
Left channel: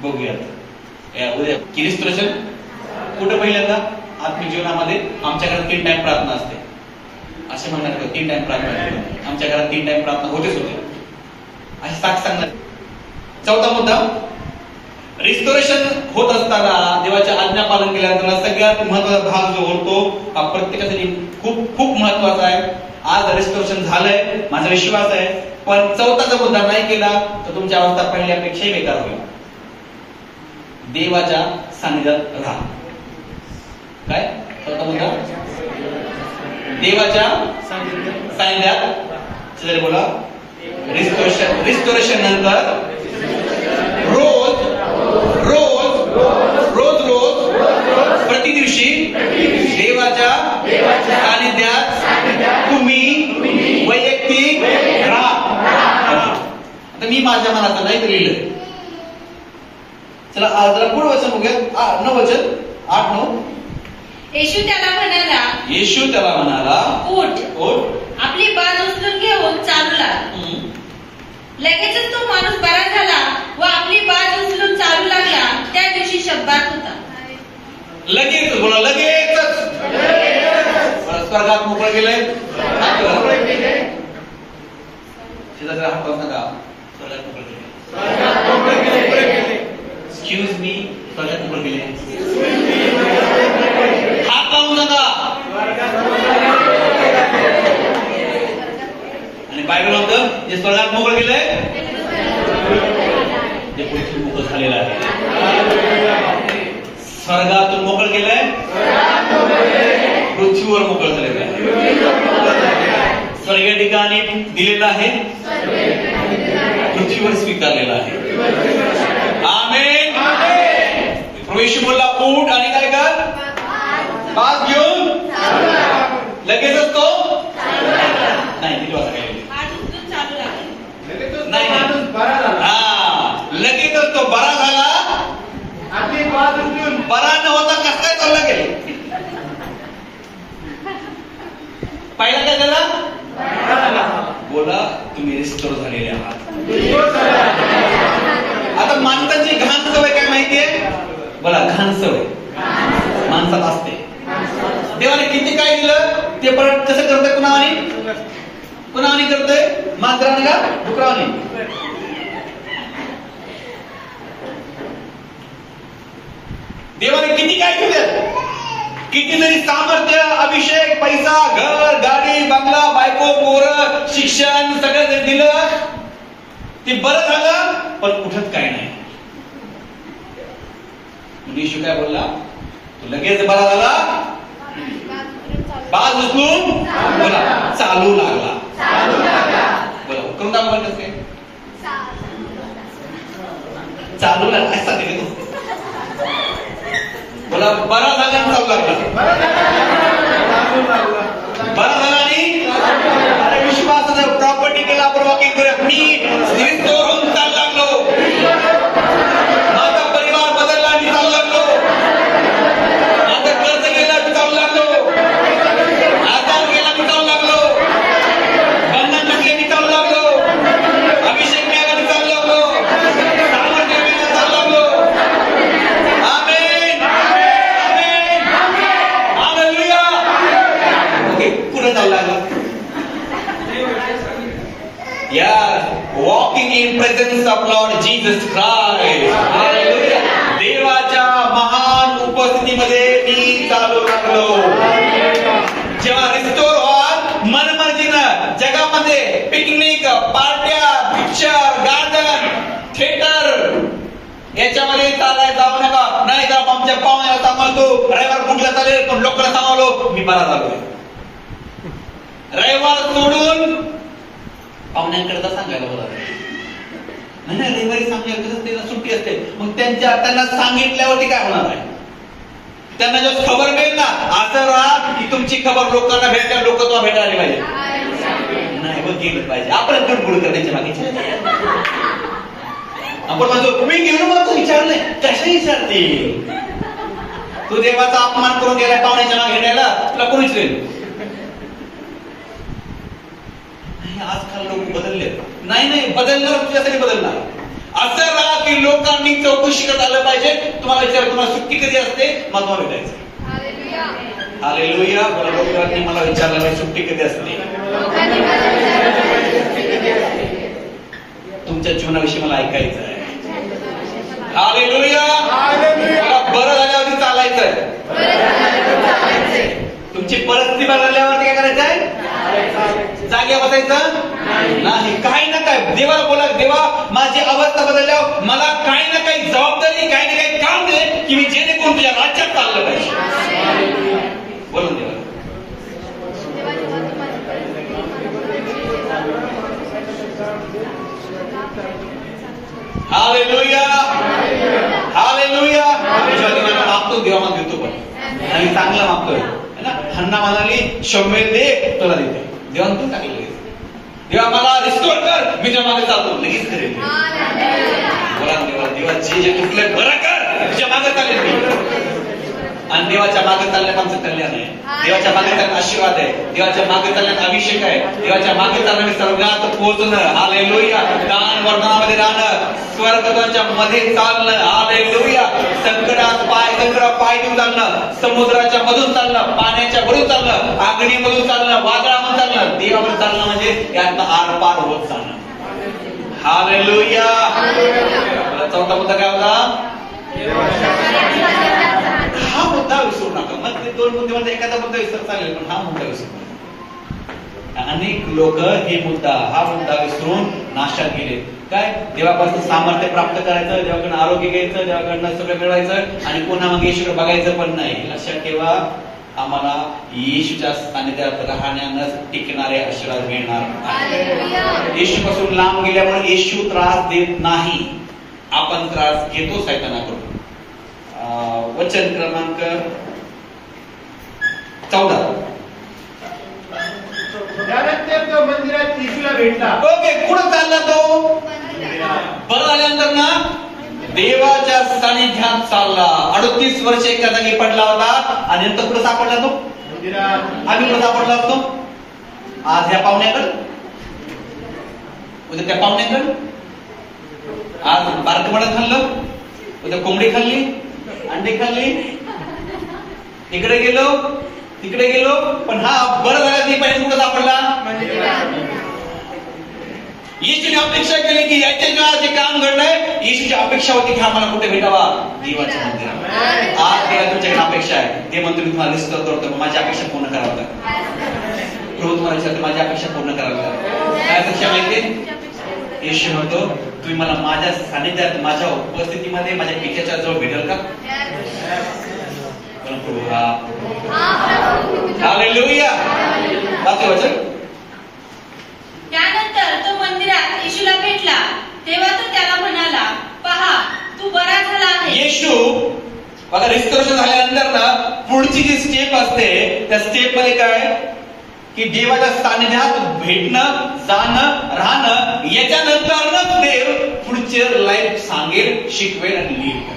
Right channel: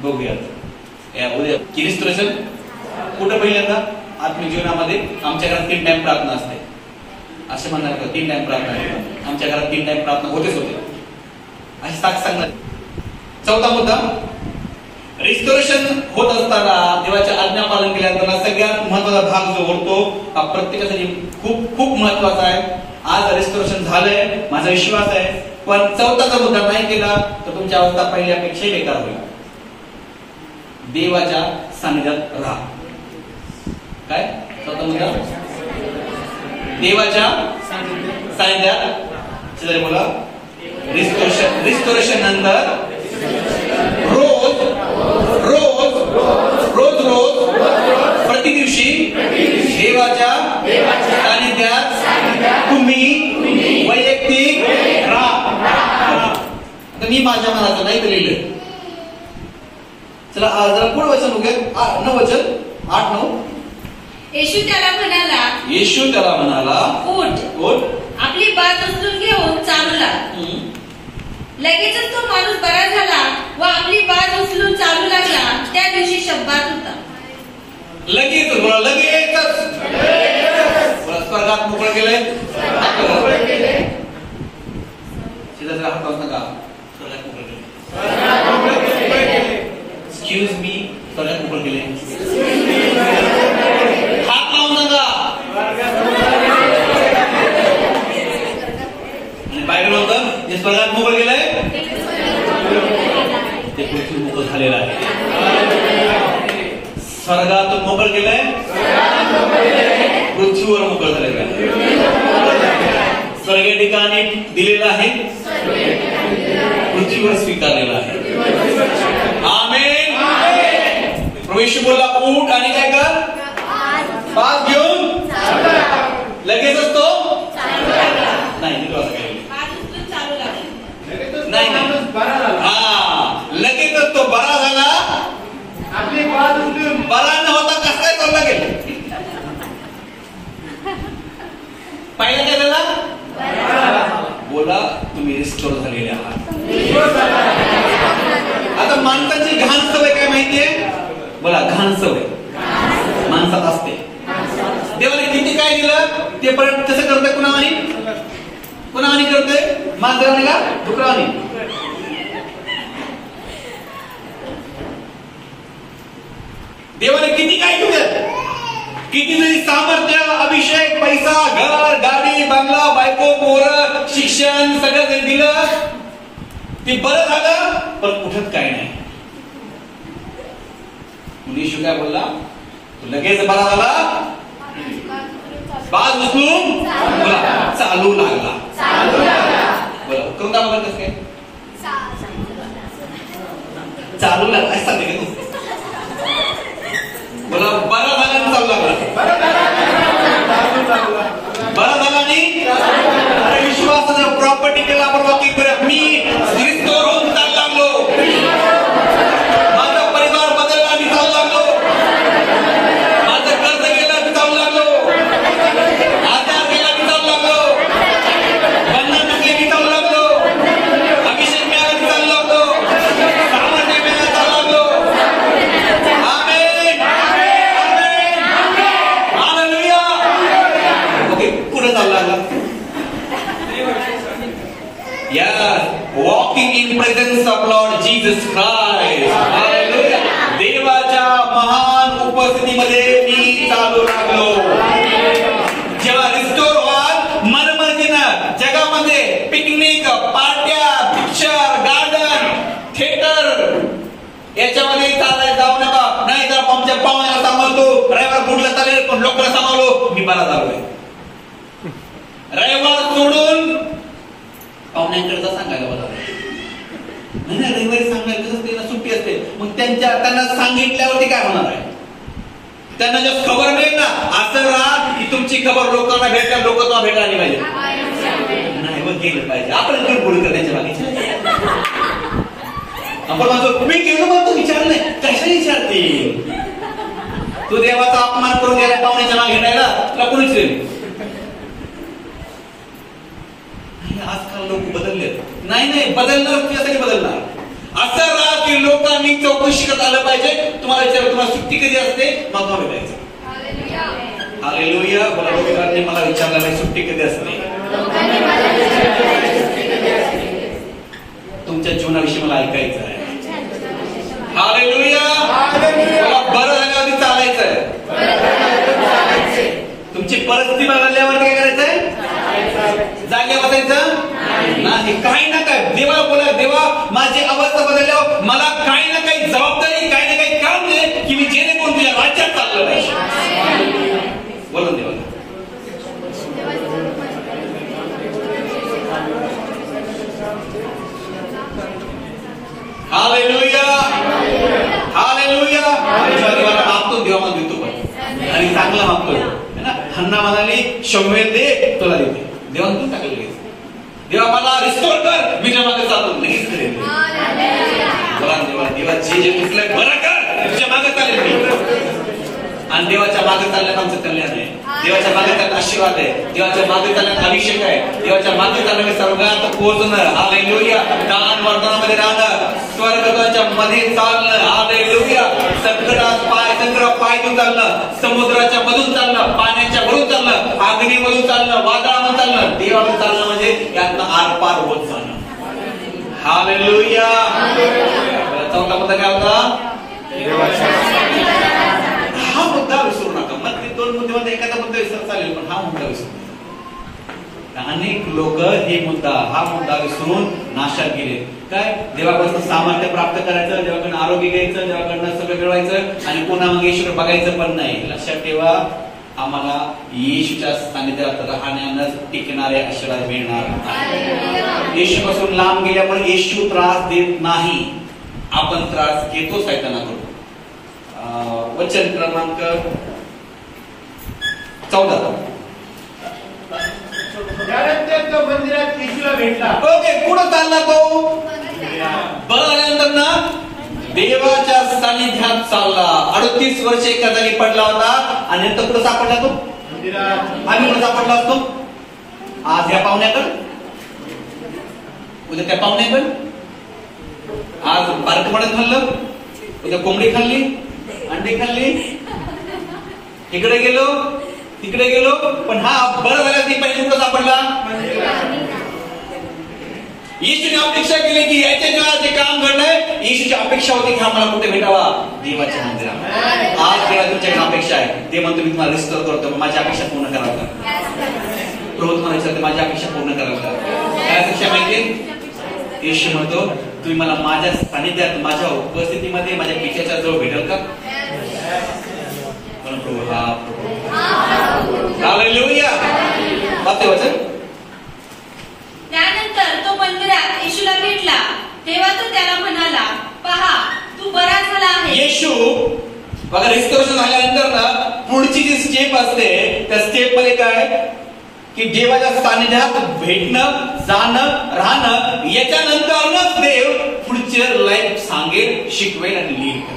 बघूयात उद्या की रिस्टोरेशन कुठं पहिल्यांदा आत्मिक जीवनामध्ये आमच्या घरात 3 टाइम प्रार्थना असते. असे म्हणणार का 3 टाइम प्रार्थना करतात? आमच्या घरात 3 टाइम प्रार्थना होतेच होते अशी साक्ष सांगणार. चौथा मुद्दा, रिस्टोरेशन होत असताना देवाच्या आज्ञा पालन केल्यानंतर सगळ्यात महत्वाचा भाग जो होतो हा प्रत्येकासाठी खूप खूप महत्वाचा आहे. आज रिस्टोरेशन झालंय, माझा विश्वास आहे, पण चौथाचा मुद्दा नाही केला तर तुमची अवस्था पहिल्यापेक्षाही बेकार होईल. देवाच्या सानिध्यात राहा. काय चौथा मुद्दा? देवाच्या सानिध्यात. शेजारी बोला, रिस्टोरेशन नंतर रोज रोज रोज रोज प्रति दिवशी देवाच्या सानिध्यात तुम्ही वैयक्तिक राहा. मी माझ्या मनाचं नाही लिहिलं. चला जरा पुढे वचन बघूया. 9 वचन 8-9. येशू त्याला म्हणाला, उठ, आपली बाज उचलून घेऊन चालू लाग. लगेचच तो माणूस बरा झाला व आपली बाज उचलून चालू लागला. त्या दिवशी शब्बात होता. लगेच बोला, लगेचच स्वर्गात मोकळे गेले. शेजारच्या हातात नका, स्वर्गात मोकळे गेले. एक्सक्यूज मी, स्वर्गात मोकळे गेले. हात लावून नका. आणि बायबल होतं जे स्वर्गात मोकळे गेले ते पृथ्वी मोकळं झालेलं आहे. स्वर्गातून मोकळं गेलंय, पृथ्वीवर मोकळं झालेलं आहे. स्वर्गीय ठिकाणी दिलेलं आहे, पृथ्वीवर स्वीकारलेलं आहे. आमेन. प्रभू बोलला, उठ आणि काय कर, बाज घेऊन लगेचच तो नाही लगेचच तो बरा झाला. बरा न होता कसं काय चालला गेला? पहिला काय झाला? बोला, तुम्ही रिस्टोर झालेले आहात. आता माणसाची घाण सवय काय माहितीये? बोला, घाण सवय माणसात असते. देवाने किती काय दिलं ते परत कसं करतोय? कुणावानी करतोय? मांजराने का डुकरावानी? देवाने किती काय केलं? किती जरी सामर्थ्य, अभिषेक, पैसा, घर, गाडी, बंगला, बायको, पोरं, शिक्षण सगळं दिलं, ते बरं झालं, पण उठत काय नाही. येशू काय बोलला? तू लगेच बरा झाला, बाज उचलून बोला चालू लागला. कोणता मोबाईल कसं काय चालू लागला? ऐसा नाही बोला, बरा झाला चालू लागला. बरा झाला आणि विश्वासाने प्रॉपर्टी केला. आपण वकील करूया, मी रिस्टोर होऊन चालू लागलो. माझा परिवार बदलला, मी चालू लागलो. माझं कर्ज गेला, मी चालू लागलो. आधार गेला, मी चालू लागलो. बंधन टाकले, मी चालू लागलो. अभिषेक मिळाला, मी चालू लागलो. सामर्थ्य मिळाला, चालू लागलो. आमेन, आमेन, हालेलुया. ओके, कुठं चालू लागला? Yes, walking in presence of Lord Jesus Christ. Hallelujah. देवाच्या महान उपस्थितीमध्ये मी चालू लागलो. जेव्हा रिस्टोर व्हाल मनमर्जीनं जगामध्ये पिकनिक, पार्ट्या, पिक्चर, गार्डन, थिएटर याच्यामध्ये चालायला जाऊ नका. नाही तर आमच्या पाहुण्याला सांभाळतो, रविवार कुठला चालेल पण लोकांना सांभाळलो, मी बरा झालोय. रविवार सोडून पाहुण्यांकडे सांगायला बोला. नाही, रविवारी सांगायला कसं त्यांना सुट्टी असते. मग त्यांना सांगितल्यावरती काय होणार आहे? त्यांना जर खबर मिळेल ना, असं राहा की तुमची खबर लोकांना भेटेल, लोक तुम्हाला भेटायला आले पाहिजे. नाही मग गेलं पाहिजे. आपण गुडगुड करण्याच्या मागे आपण माझं मी गेलो मग तू विचारलंय कशा विचारते? तू देवाचा अपमान करून गेलाय पाहुण्याच्या मागे घेण्याला, तुला कोणीच येईल. आजकाल लोक बदलले. नाही बदलणार, तुझ्यासाठी बदलणार. असं राहा की लोकांनी चौकशी करत आलं पाहिजे. तुम्हाला विचार, तुम्हाला सुट्टी कधी असते, मग तुम्हाला भेटायचं. हालेलुया. बोला, लोकांनी मला विचारलं सुट्टी कधी असते. तुमच्या जीवनाविषयी मला ऐकायचं आहे. हालेलुया. बरं झाल्यावरती चालायचं. तुमची परिस्थिती बदलल्यावरती काय करायचंय? जाग्या बसायचं नाही. काही ना काय देवा बोला, देवा माझी अवस्था बदलल्यावर मला काही ना काही जबाबदारी, काही ना काही काम दे की मी जेणेकरून तुझ्या राज्यात चाललं पाहिजे. बोलून देवा. हालेलुया. हालेलुया. देवाला मागतो, देवा मग देतो पण, आणि चांगलं मागतोय ना. हन्ना म्हणाली शम्मेल दे तुला देते. देवा तू टाकलं लगेच. देवा मला रिस्टोर कर, मी मागे चालतो, लगेच करेल. बोला देवा, देवा जे तुटलंय बरं कर, तुझ्या मागे चालेल मी. आणि देवाच्या मागे चालण्यात आमचं कल्याण आहे. देवाच्या मागे चालण्यात आशीर्वाद आहे. देवाच्या मागे चालण्यात अभिषेक आहे. देवाच्या मागे चालण्यात स्वर्गात पोहोचणं. हालेलुया. दान वरदानामध्ये राहणं, स्वर्गाच्या मध्ये चालणं. हालेलुया. संकटात पाय देऊन चालणं, समुद्राच्या मधून चालणं, पाण्याच्या वरून चालणं, अग्नीमधून चालणं, वादळामधून चालणं, देवाकडे चालणं म्हणजे यातनं आरपार होत चालणं. हालेलुया. चौथा मुद्दा काय होता? हा मुद्दा विसरू नका. मग ते दोन मुद्द्यामध्ये एखादा मुद्दा विसर चालेल, पण हा मुद्दा विसरू नका. अनेक लोक हा मुद्दा विसरून नाशात गेले. काय? देवापासून सामर्थ्य प्राप्त करायचं, देवाकडून आरोग्य घ्यायचं, देवाकडनं सगळं मिळवायचं आणि पुन्हा मग येशूकडे बघायचं पण नाही. लक्षात ठेवा, आम्हाला येशूच्या सानिध्यात राहण्यानंच टिकणारे आशीर्वाद मिळणार. येशूपासून लांब गेल्यामुळे येशू त्रास देत नाही, आपण त्रास घेतो सैतानाकडून. वचन क्रमांक 14. मंदिरात येशूला भेटला. ओके, कुठं चालला तो? बरं झाल्यानंतर ना देवाच्या सानिध्यात चालला. 38 वर्ष एका जागी पडला होता आणि नंतर कुठं सापडला तो? मंदिरात. आम्ही कुठं सापडला असतो? आज या पाहुण्याकडं, उद्या त्या पाहुण्याकडं. आज बारक मडत खाल्लं, उद्या कोंबडी खाल्ली, अंडे खाल्ली, इकडे गेलो तिकडे गेलो, पण हा बरं झाला ती पाहिजे कुठं सापडला? येशूने अपेक्षा केली की याच्या जीवात जे काम घडलंय, येशूची अपेक्षा होती की हा मला कुठे भेटावा? देवाच्या मंदिरात. आज देवा तुमच्याकडे अपेक्षा आहे. ते म्हणतो मी तुम्हाला रिस्टोर करतो, माझी अपेक्षा पूर्ण करावं का? प्रभू तुम्हाला विचारतो माझी अपेक्षा पूर्ण करावं का? काय अपेक्षा माहिती? येशू म्हणतो तुम्ही मला माझ्या सानिध्यात, माझ्या उपस्थितीमध्ये, माझ्या पिक्याच्या जवळ भेटेल का? प्रभू हा. हालेलुया. वाचते वचन. त्यानंतर तो मंदिरात येशूला भेटला. तेव्हा तो त्याला म्हणाला, पहा तू बरा झाला आहे. येशू बघा, रिस्टोरेशन झाल्यानंतर ना पुढची जी स्टेप असते, त्या स्टेप मध्ये काय की देवाच्या सानिध्यात भेटणं, जाणं, राहणं. याच्यानंतरच देव पुढचे लाईफ सांगेल, शिकवेल आणि लीड करेल.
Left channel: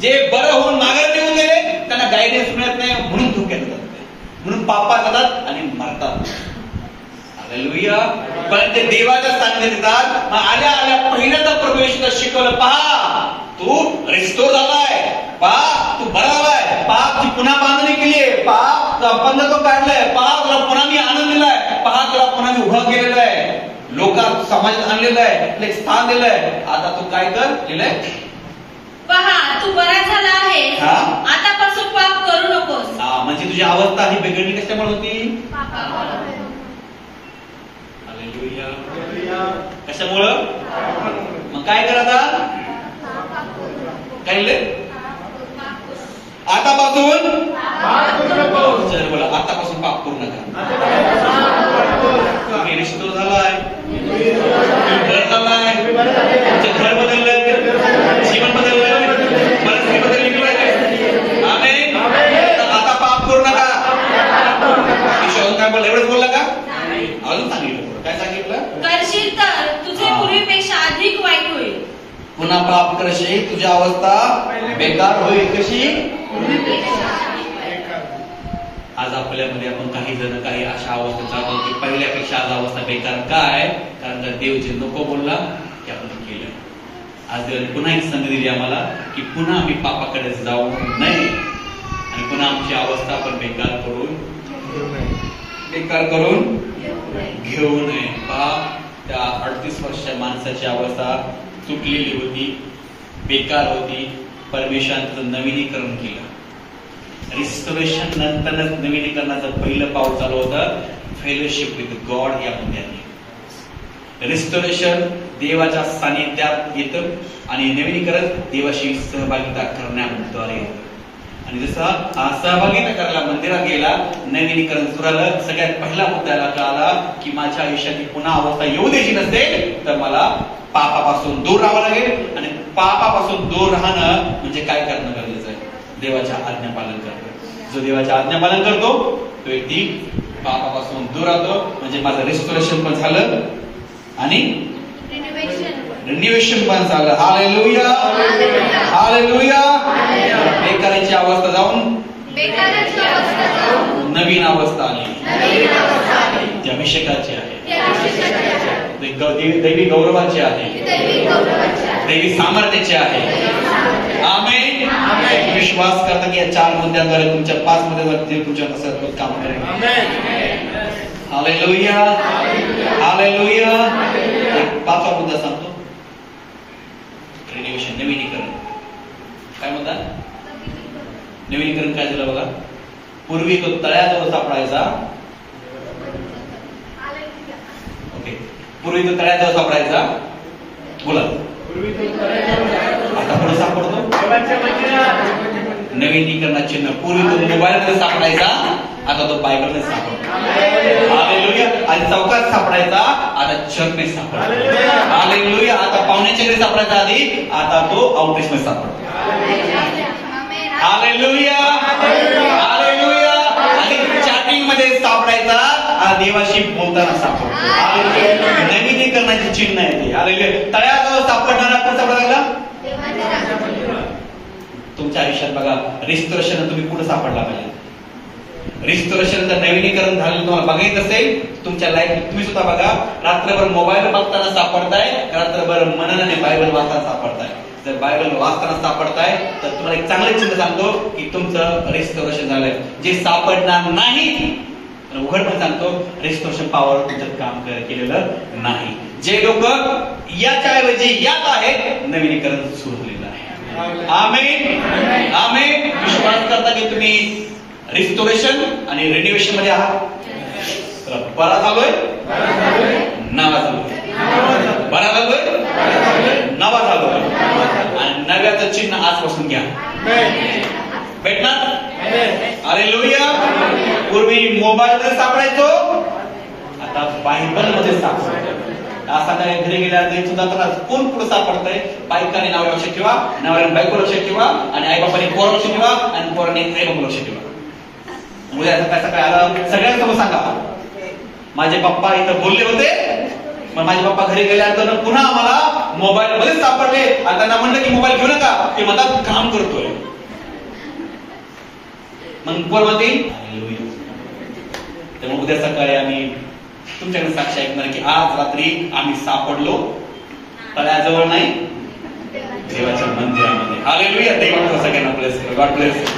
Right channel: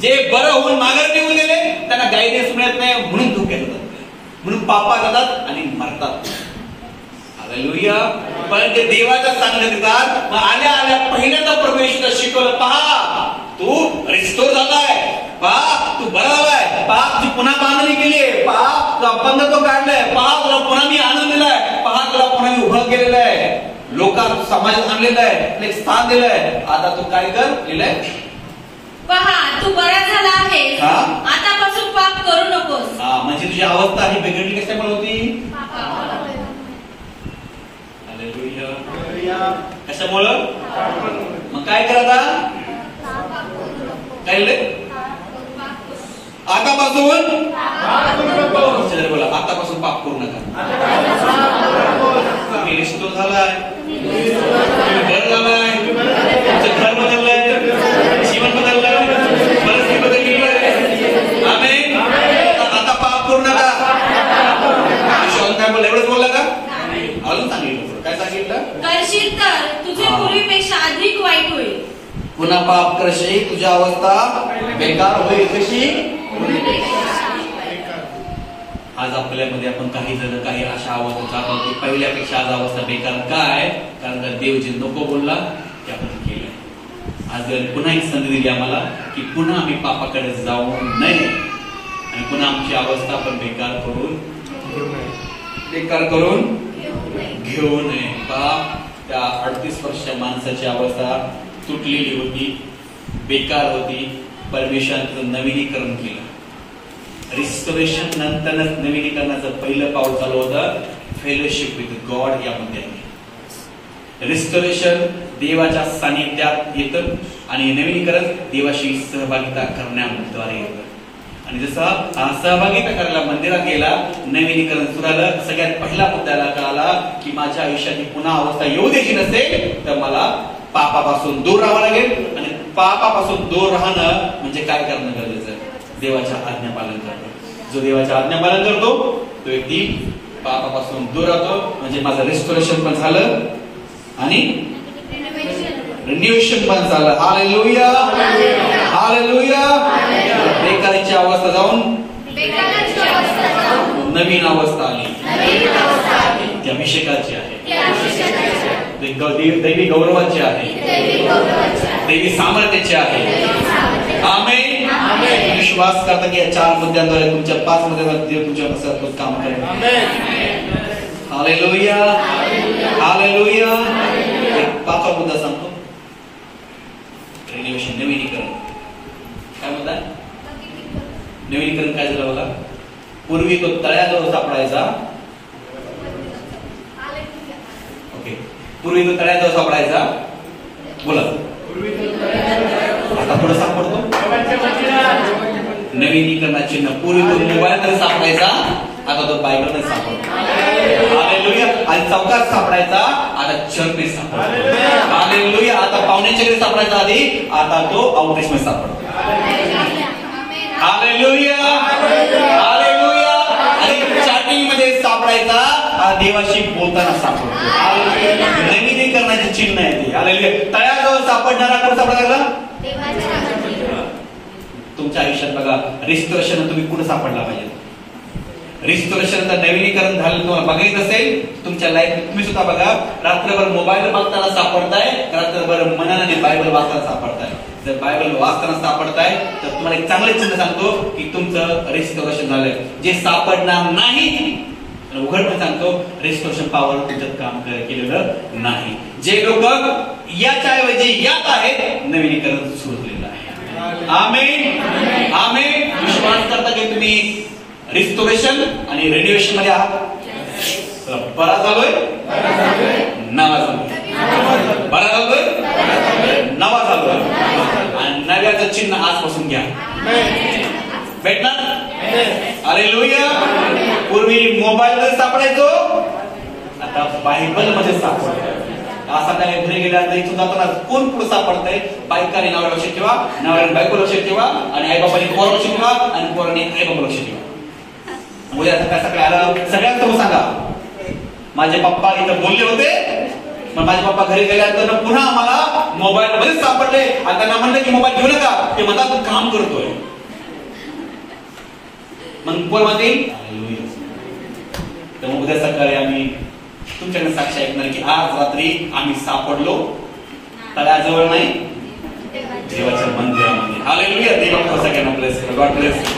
जे बरं होऊन माघार निघून गेले त्यांना गायडन्स मिळत नाही, म्हणून धोक्यात जातात, म्हणून पापा जातात आणि मरतात. हालेलुया. पण ते देवाच्या सानिध्यात येतात. मग आल्या आल्या पहिल्यांदा परमेश्वर शिकवलं, पहा तू रिस्टोर झालाय, पहा तू बरा झालाय, पहा तुझी पुन्हा बांधणी केलीये, पहा तुला बंद तो काढलाय, पहा तुला पुन्हा मी आनंद दिलाय, पहा तुला पुन्हा मी उभं केलेलं आहे, लोकात समाजात आणलेलं आहे, एक स्थान दिलंय. आता तू काय कर लिहिलंय? पहा तू बरा झाला आहे, आतापासून पाप करू नकोस. म्हणजे तुझी अवस्था ही बिघडली कशामुळे होती? कशामुळं? मग काय करा आता? काय लिहिलंय? आतापासून बोला, आतापासून पाप करू नका. तुम्ही रिस्टोर झालाय, तुम्ही घर झालाय, तुमचं घर बदललंय, जीवन बदललंय, परिस्थिती बदलली आहे. आमेन. आता पाप करू नका. काय बोल, एवढंच बोललं का? अजून सांगितलं. काय सांगितलं? करशील तर तुझे पूर्वीपेक्षा अधिक वाईट होईल. पुन्हा पाप करशील तुझी अवस्था बेकार होईल. कशी? आज आपल्यामध्ये आपण काही जण काही अशा अवस्था जातो की पहिल्यापेक्षा आज अवस्था बेकार. काय? कारण का देव जे नको बोलला ते आपण केलं. आज देवाने पुन्हा एक संधी दिली आम्हाला की पुन्हा आम्ही पापाकडे जाऊ नये आणि पुन्हा आमची अवस्था पण बेकार करून घेऊ नये. पहा, त्या 38 वर्षाच्या माणसाची अवस्था तुटलेली होती, बेकार होती. परमेश्वरानं नवीनीकरण केलं. रिस्टोरेशन नंतरच नवीनीकरणाचं पहिलं पाऊल चालू होतं फेलोशिप विथ गॉड यामध्ये आहे. रिस्टोरेशन देवाच्या सानिध्यात येतं आणि नवीनीकरण देवाशी सहभागिता करण्याद्वारे येतं. आणि जसा हा सहभागिता करायला मंदिरात गेला, नवीनीकरण सुरू झालं. सगळ्यात पहिला मुद्द्याला कळाला की माझ्या आयुष्याची पुन्हा अवस्था येऊ द्यायची नसेल तर मला पापापासून दूर राहावं लागेल. आणि पापापासून दूर राहणं म्हणजे काय करणं गरजेचं आहे? देवाच्या आज्ञा पालन करणं. जो देवाच्या आज्ञा पालन करतो तो व्यक्ती पापापासून दूर राहतो. म्हणजे माझं रिस्टोरेशन पण झालं आणि रिन्युएशन पण झालं. Hallelujah, hallelujah. बेकारीची अवस्था जाऊन नवीन अवस्था आली. ती अभिषेकाची आहे, दैवी गौरवाची आहे, दैवी सामर्थ्याची आहे. आमेन. विश्वास करता की या 4 मुद्द्यांद्वारे तुमच्या 5 मुद्द्यांद्वारे तुमच्या काम करेल. Hallelujah, hallelujah. एक 5वा मुद्दा सांगतो, रिन्युएशन, नवीनीकरण. काय मुद्दा? नवीनीकरण काय झालं बघा. पूर्वी तो तळ्याजवळ सापडायचा. ओके, पूर्वी तो तळ्याजवळ सापडायचा. बोला. आता पुढे सापडतो नवीनीकरणाचे चिन्ह. पूर्वी तो मोबाईलमध्ये सापडायचा, आता तो बायबलमध्ये सापडतो. हालेलुया. आणि चौकात सापडायचा, आता चर्चमध्ये सापडतो. हालेलुया. आता पाहुण्याच्या घरी सापडायचा आधी, आता तो आउटरीचमध्ये सापडतो. Hallelujah, hallelujah. आणि चॅटिंग मध्ये सापडायचा, देवाशी बोलताना सापडतो. हालेलुया. नवीनीकरणाचे चिन्ह आहे ते. हालेलुया. तळ्याजवळ सापडणारा कोण सापडायला? तुमच्या आयुष्यात बघा, रिस्टोरेशन तुम्ही कुठे सापडला पाहिजे? रिस्टोरेशन जर नवीनीकरण झालं तुम्हाला बघायचं असेल तुमच्या लाईफ, तुम्ही सुद्धा बघा, रात्रभर मोबाईल बघताना सापडताय, रात्रभर मनाने बायबल वाचताना सापडताय. जर बायबल वाचताना सापडताय तर तुम्हाला एक चांगले चिन्ह सांगतो की तुमचं रिस्टोरेशन झालंय. जे सापडणार नाही, उघडपणे सांगतो, रिस्टोरेशन पॉवर तुमच्यात काम केलेलं नाही. जे लोक याच्या ऐवजी यात आहेत, नवीनीकरण सुरू झालेलं आहे. आमेन, आमेन. विश्वास करता की तुम्ही रिस्टोरेशन आणि रिन्युएशन मध्ये आहात? बरा झालोय, नवा झालोय, बरा झालोय, नवा झालोय. आणि नव्याचं चिन्ह आजपासून घ्या, भेटणार. हालेलुया. पूर्वी मोबाईल मध्ये सापडायचो, आता बायबल मध्ये सापडतो. असा काय घरी गेल्यानंतर सुद्धा कोण पुढे सापडतंय? बायकाने नाव लक्षात ठेवा, नवऱ्याने बायको लक्षात ठेवा, आणि आई बाबाने पोर लक्षात ठेवा, आणि पोराने आई बाबा लक्षात ठेवा. उद्या सकाळ सकाळी आला सगळ्यांना सांगा, माझे पप्पा इथं बोलले होते, मग माझे पप्पा घरी गेल्यानंतर पुन्हा मला मोबाईल मध्ये सापडले. आणि त्यांना म्हणलं की मोबाईल घेऊ नका, ते म्हणतात तू काम करतोय. मग कोण म्हणतील? तर मग उद्या सकाळी आम्ही तुमच्याकडे साक्ष ऐकणार की आज रात्री आम्ही सापडलो तळ्याजवळ नाही, देवाच्या मंदिरामध्ये. हालेलुया. देव सगळ्यांना ब्लेस करो. God bless.